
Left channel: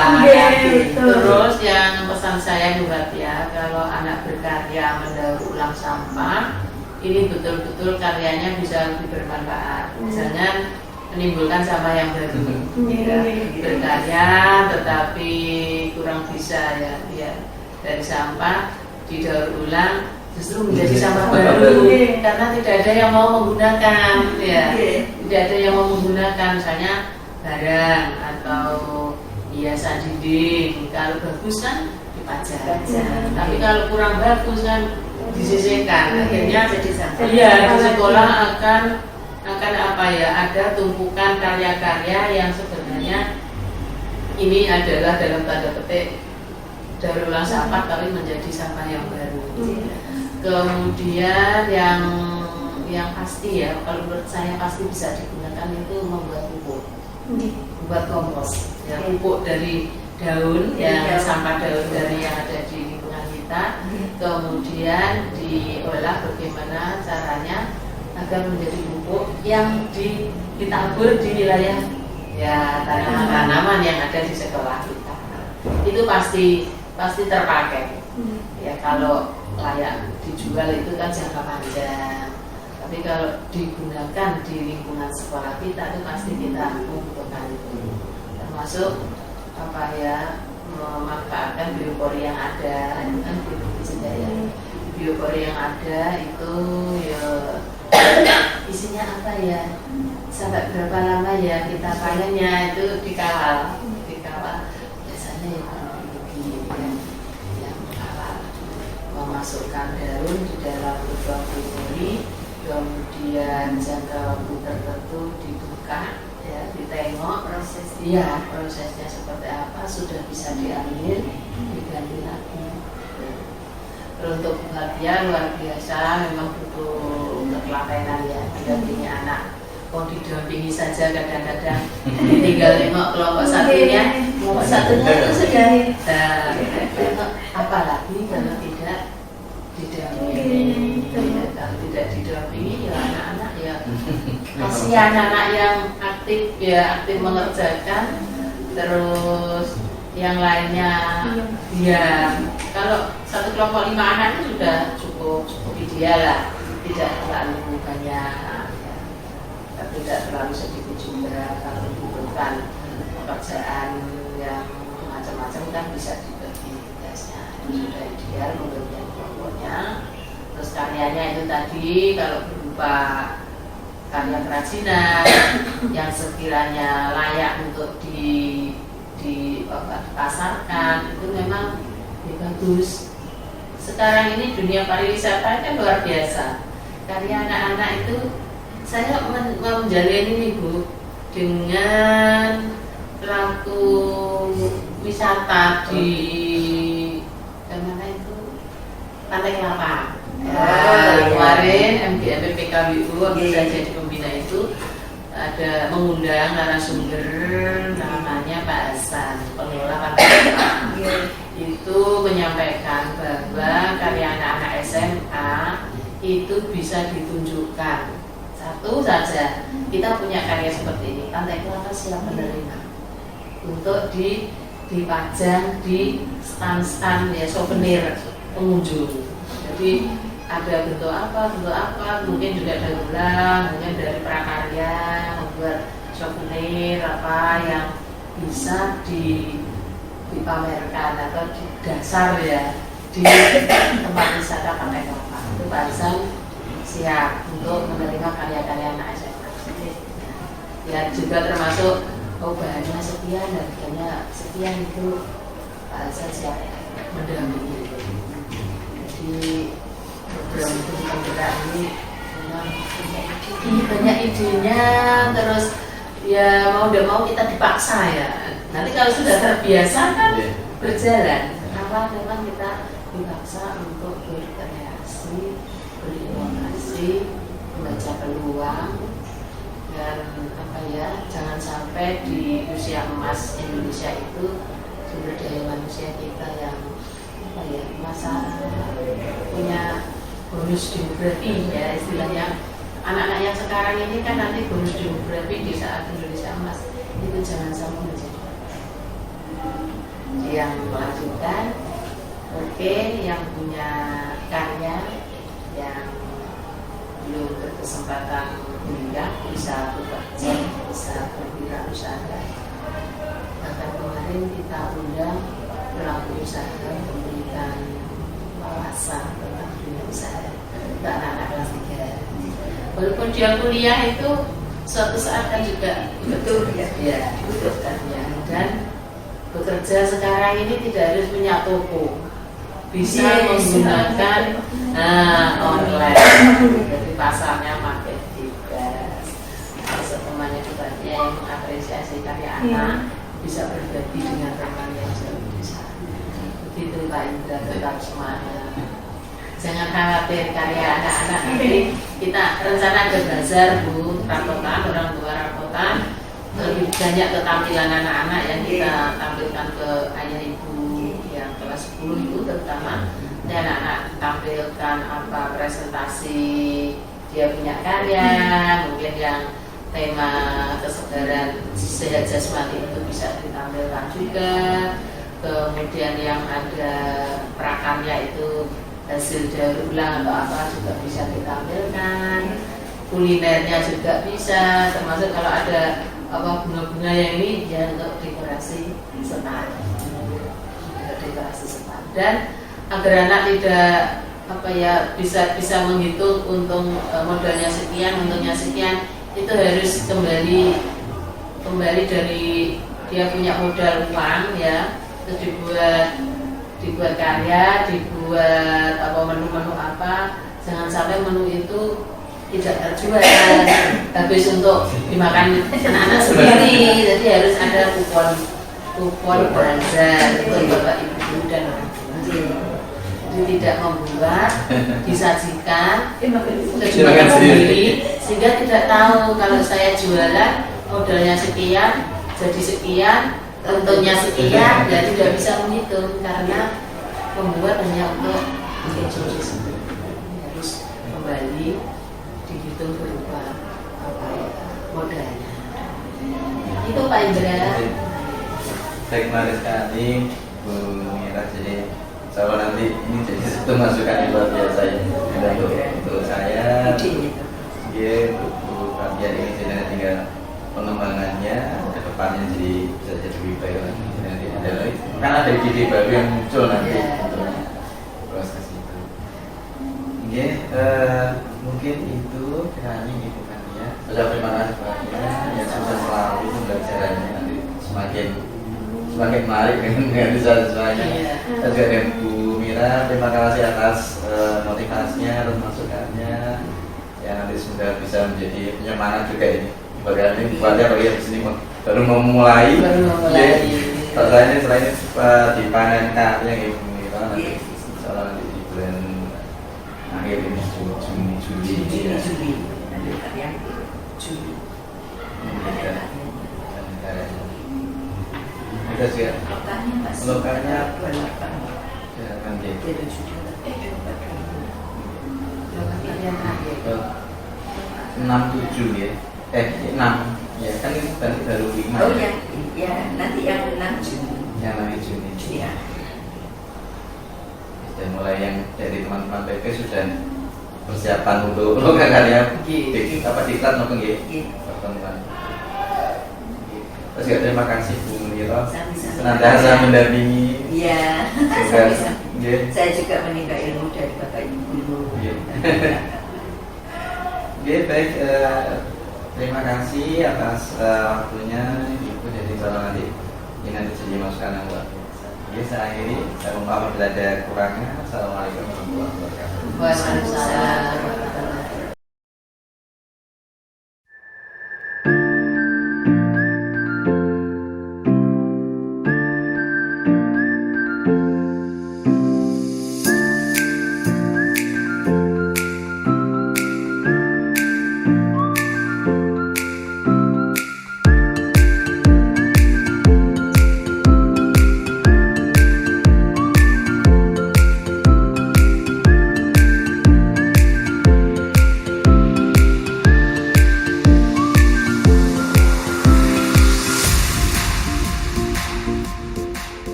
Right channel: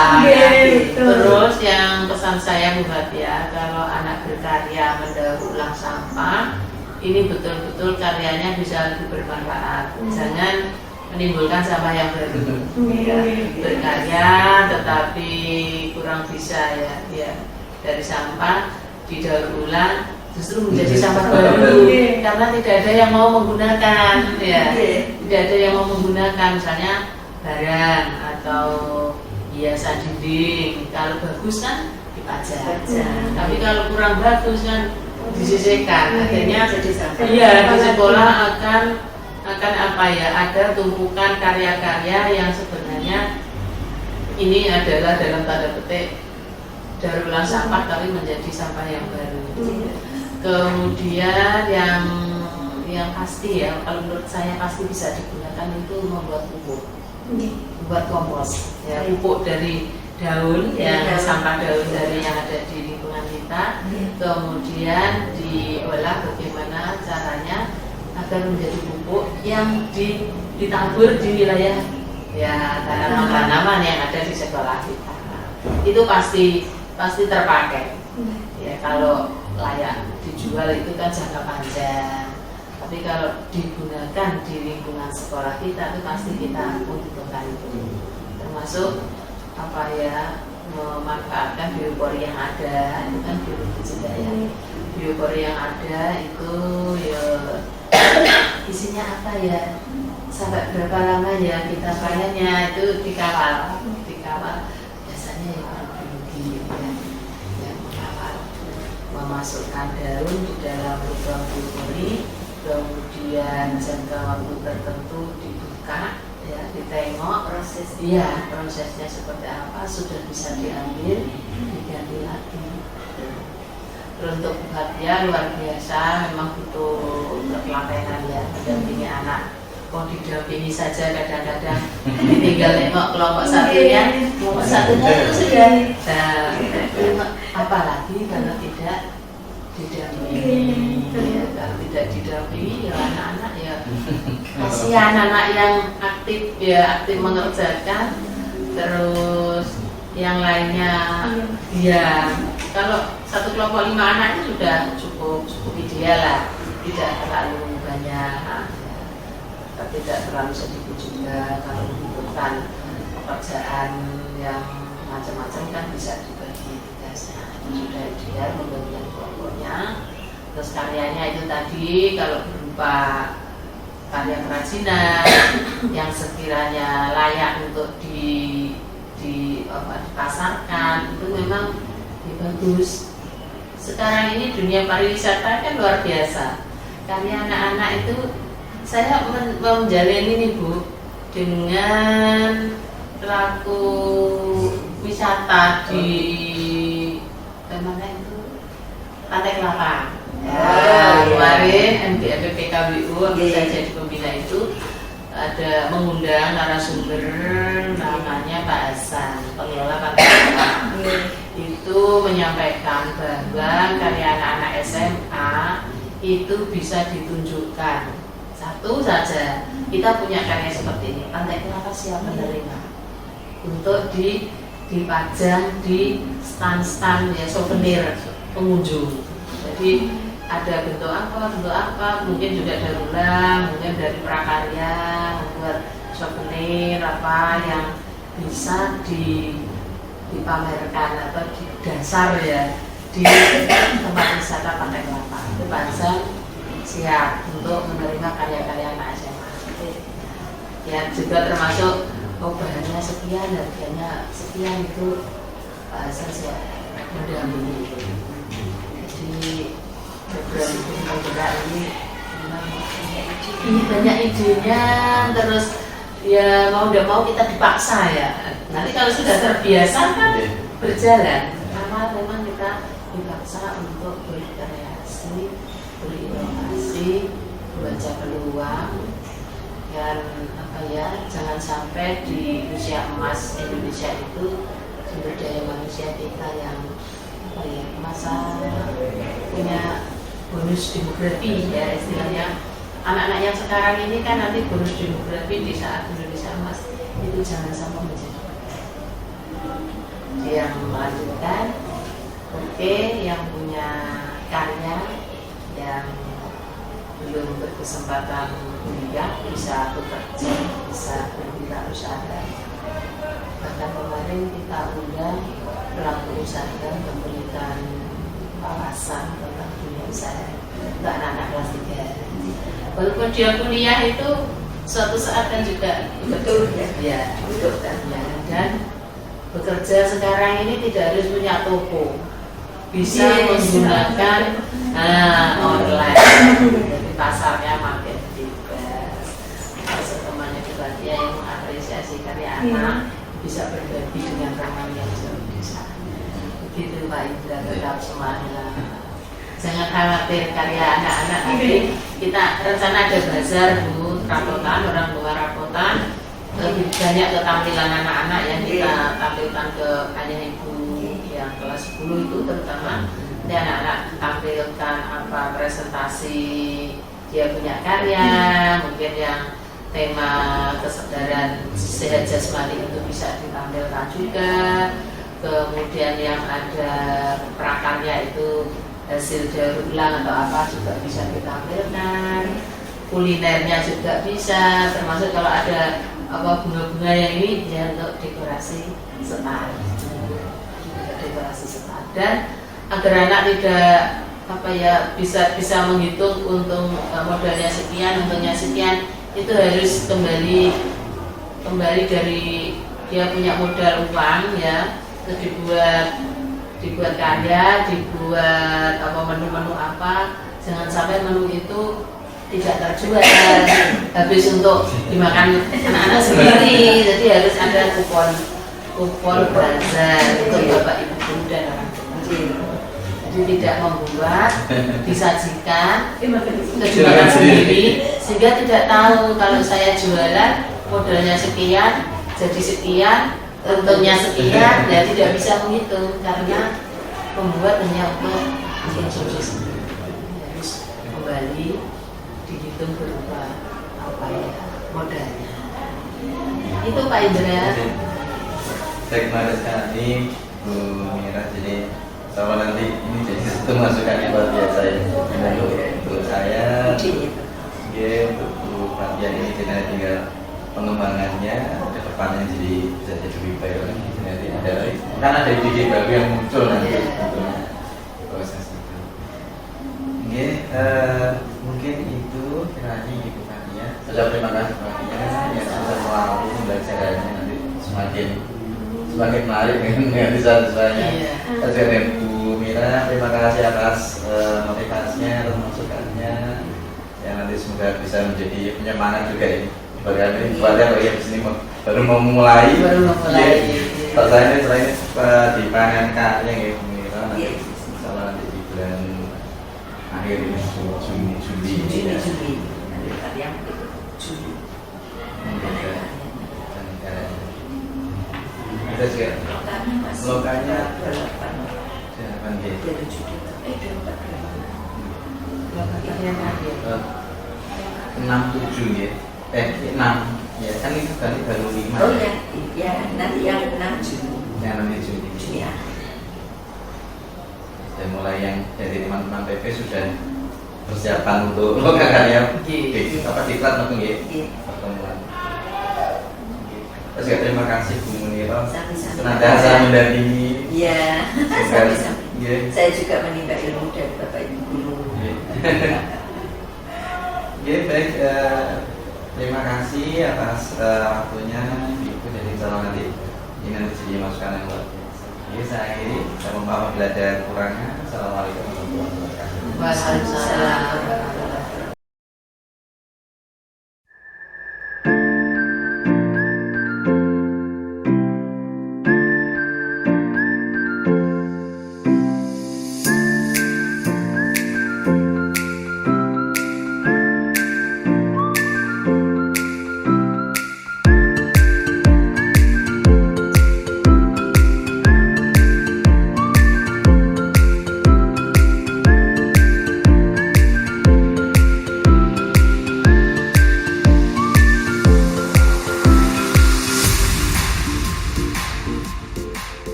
Terus yang pesan saya Bu Fatia, kalau anak berkarya mendaur ulang sampah, ini betul-betul karyanya bisa lebih bermanfaat. Jangan menimbulkan sampah yang baru. Ya, berkarya tetapi kurang bisa ya dari sampah didaur ulang justru menjadi sampah baru karena tidak ada yang mau menggunakan ya. Tidak ada yang mau menggunakan, misalnya barang atau hiasan dinding. Kalau bagus kan dipajang. Tapi kalau kurang bagus kan disisihkan. Akhirnya di sekolah akan apa ya, ada tumpukan karya-karya yang sebenarnya ini adalah dalam tanda petik daur ulang sampah tapi menjadi sampah yang baru. Kemudian yang pasti ya, kalau menurut saya pasti bisa digunakan itu membuat pupuk, membuat kompos ya, pupuk dari daun yang sampah daun dari yang ada di lingkungan kita kita, kemudian diolah bagaimana caranya agar menjadi pupuk yang ditabur di wilayah ya tanaman-tanaman yang ada di sekolah kita. Itu pasti terpakai. Ya kalau layak dijual itu kan jangka panjang. Tapi kalau digunakan di lingkungan sekolah kita itu pasti kita membutuhkan itu. Termasuk apa ya, memanfaatkan biopori yang ada, itu kan biologi juga ya. Biopori yang ada itu ya isinya apa ya, sampai berapa lama ya kita panennya, itu dikawal biasanya ya orang biologi ya, yang mengawal, memasukkan daun di dalam lubang biopori, kemudian jangka waktu tertentu dibuka ya, ditengok prosesnya seperti apa, sudah bisa diambil, diganti lagi. Terus untuk perhatian luar biasa, memang butuh ketelatenan ya, mendampingi anak. Kok didampingi saja kadang-kadang tinggal nengok kelompok satunya itu sudah apalagi kalau tidak didampingi. Kalau tidak didampingi ya anak-anak ya kasihan, anak yang aktif mengerjakan, terus yang lainnya ya kalau satu kelompok 5 anak itu sudah cukup ideal lah, tidak terlalu banyak ya, tapi tidak terlalu sedikit juga. Kalau membutuhkan pekerjaan yang macam-macam kan bisa dibagi tugasnya, itu sudah ideal membagikan kelompoknya. Terus karyanya itu tadi kalau berupa karya kerajinan yang sekiranya layak untuk dipasarkan, itu memang ya bagus. Sekarang ini dunia pariwisata kan luar biasa. Karya anak-anak itu saya menjalani ini Bu, dengan pelaku wisata di mana itu, Pantai Kelapa. Ya, kemarin MPPKBU bisa jadi pembina itu ada mengundang narasumber namanya Pak Hasan, pengelola Pantai Kelapa. Itu menyampaikan bahwa karya anak-anak SMA itu bisa ditunjukkan. Satu saja, kita punya karya seperti ini, Pantai Kelapa siap menerima untuk dipajang di stand-stand ya, souvenir pengunjung. Jadi ada bentuk apa, mungkin juga daur ulang, mungkin dari prakarya, buat souvenir apa yang bisa dipamerkan atau di dasar ya di tempat wisata Pantai Kelapa. Itu Pak siap untuk menerima karya-karya anak SMA. Ya juga termasuk bahannya sekian, harganya sekian, itu saya siap mendampingi. Jadi program penggerak ini memang banyak idenya, terus ya mau tidak mau kita dipaksa ya. Nanti kalau sudah terbiasa kan berjalan. Karena memang kita dipaksa untuk berkreasi, berinovasi, membaca peluang, dan jangan sampai di usia emas Indonesia itu sumber daya manusia kita yang masa punya bonus demografi ya istilahnya. Anak-anak yang sekarang ini kan nanti bonus demografi di saat Indonesia emas itu jangan sampai menjadi yang melanjutkan. Yang punya karya yang belum berkesempatan kuliah bisa bekerja, bisa berwirausaha. Bahkan kemarin kita undang pelaku usaha memberikan wawasan tentang dunia usaha untuk anak-anak kelas 3. Walaupun dia kuliah itu suatu saat kan juga betul ya, dan bekerja sekarang ini tidak harus punya toko, bisa menggunakan online. Jadi pasarnya makin bebas. Temannya juga dia yang mengapresiasi karya anak bisa berbagi dengan teman yang jauh di sana. Begitu Pak Indra, tetap semangat. Jangan khawatir karya anak-anak. Nanti kita rencana ada bazar Bu, rapotan, orang tua rapotan. Lebih banyak ketampilan anak-anak yang kita tampilkan ke ayah ibu yang kelas 10 itu terutama ini anak-anak tampilkan apa presentasi dia punya karya, mungkin yang tema kesadaran sehat jasmani itu bisa ditampilkan juga. Kemudian yang ada prakarya itu hasil daur ulang atau apa juga bisa ditampilkan. Kulinernya juga bisa, termasuk kalau ada apa bunga-bunga yang ini ya untuk dekorasi setar, dekorasi setar. Dan agar anak tidak apa ya bisa menghitung untung modalnya sekian, untungnya sekian, itu harus kembali dari dia punya modal uang ya, terus dibuat karya, dibuat apa menu-menu apa, jangan sampai menu itu tidak terjual habis untuk dimakan anak-anak sendiri. Jadi harus ada kupon bazar untuk bapak ibu guru dan orang tua. Jadi tidak membuat, disajikan, terjemahkan sendiri sehingga tidak tahu kalau saya jualan modalnya sekian, jadi sekian, untungnya sekian, ya tidak bisa menghitung karena membuat hanya untuk konsumsi sendiri. Harus kembali dihitung berupa apa ya modalnya. Itu Pak Indra. Saya kemarin sekali Bu Mira, jadi sama nanti ini jadi satu masukan yang luar biasa ya. Dan untuk saya, dia untuk Bu Fatia ini jadi tinggal pengembangannya ke depannya jadi bisa jadi lebih baik lagi. Nanti ada lagi, kan ada ide baru yang muncul nanti proses itu. Oke, mungkin itu kiranya Ibu Fatia. Saya terima kasih Fatia yang sudah selalu pembelajarannya nanti semakin menarik dengan bisa-bisanya. Saya juga dengan Bu Mira, terima kasih atas motivasinya, atas masukannya yang nanti semoga bisa menjadi penyemangat juga ini. Bagaimana ini Fatia bagi di sini baru memulai. Kalau saya ini selain dipanen karya ya Bu Mira nanti insyaallah nanti di bulan akhir ini Juli. Nanti kalian Juli. Ada juga lokanya berlapan. jangan gitu. Jadi Juli. Kalian terakhir. 67 ya. 6 ya kan itu tadi baru 5. Oh ya, ya nanti yang 6 Juni. Yang nanti Juni. Iya. Dan mulai yang dari teman-teman PP sudah persiapan untuk karya apa diklat maupun ya pertemuan. Terus ya, terima kasih Bu Mira. Senantiasa mendampingi. Iya. Saya juga menimba ilmu dari Bapak Ibu guru. Oke, baik. Terima kasih atas waktunya Ibu, jadi insyaallah nanti ini nanti jadi masukan yang luar biasa. Oke, saya mohon maaf bila ada kurangnya. Assalamualaikum warahmatullahi wabarakatuh. Waalaikumsalam.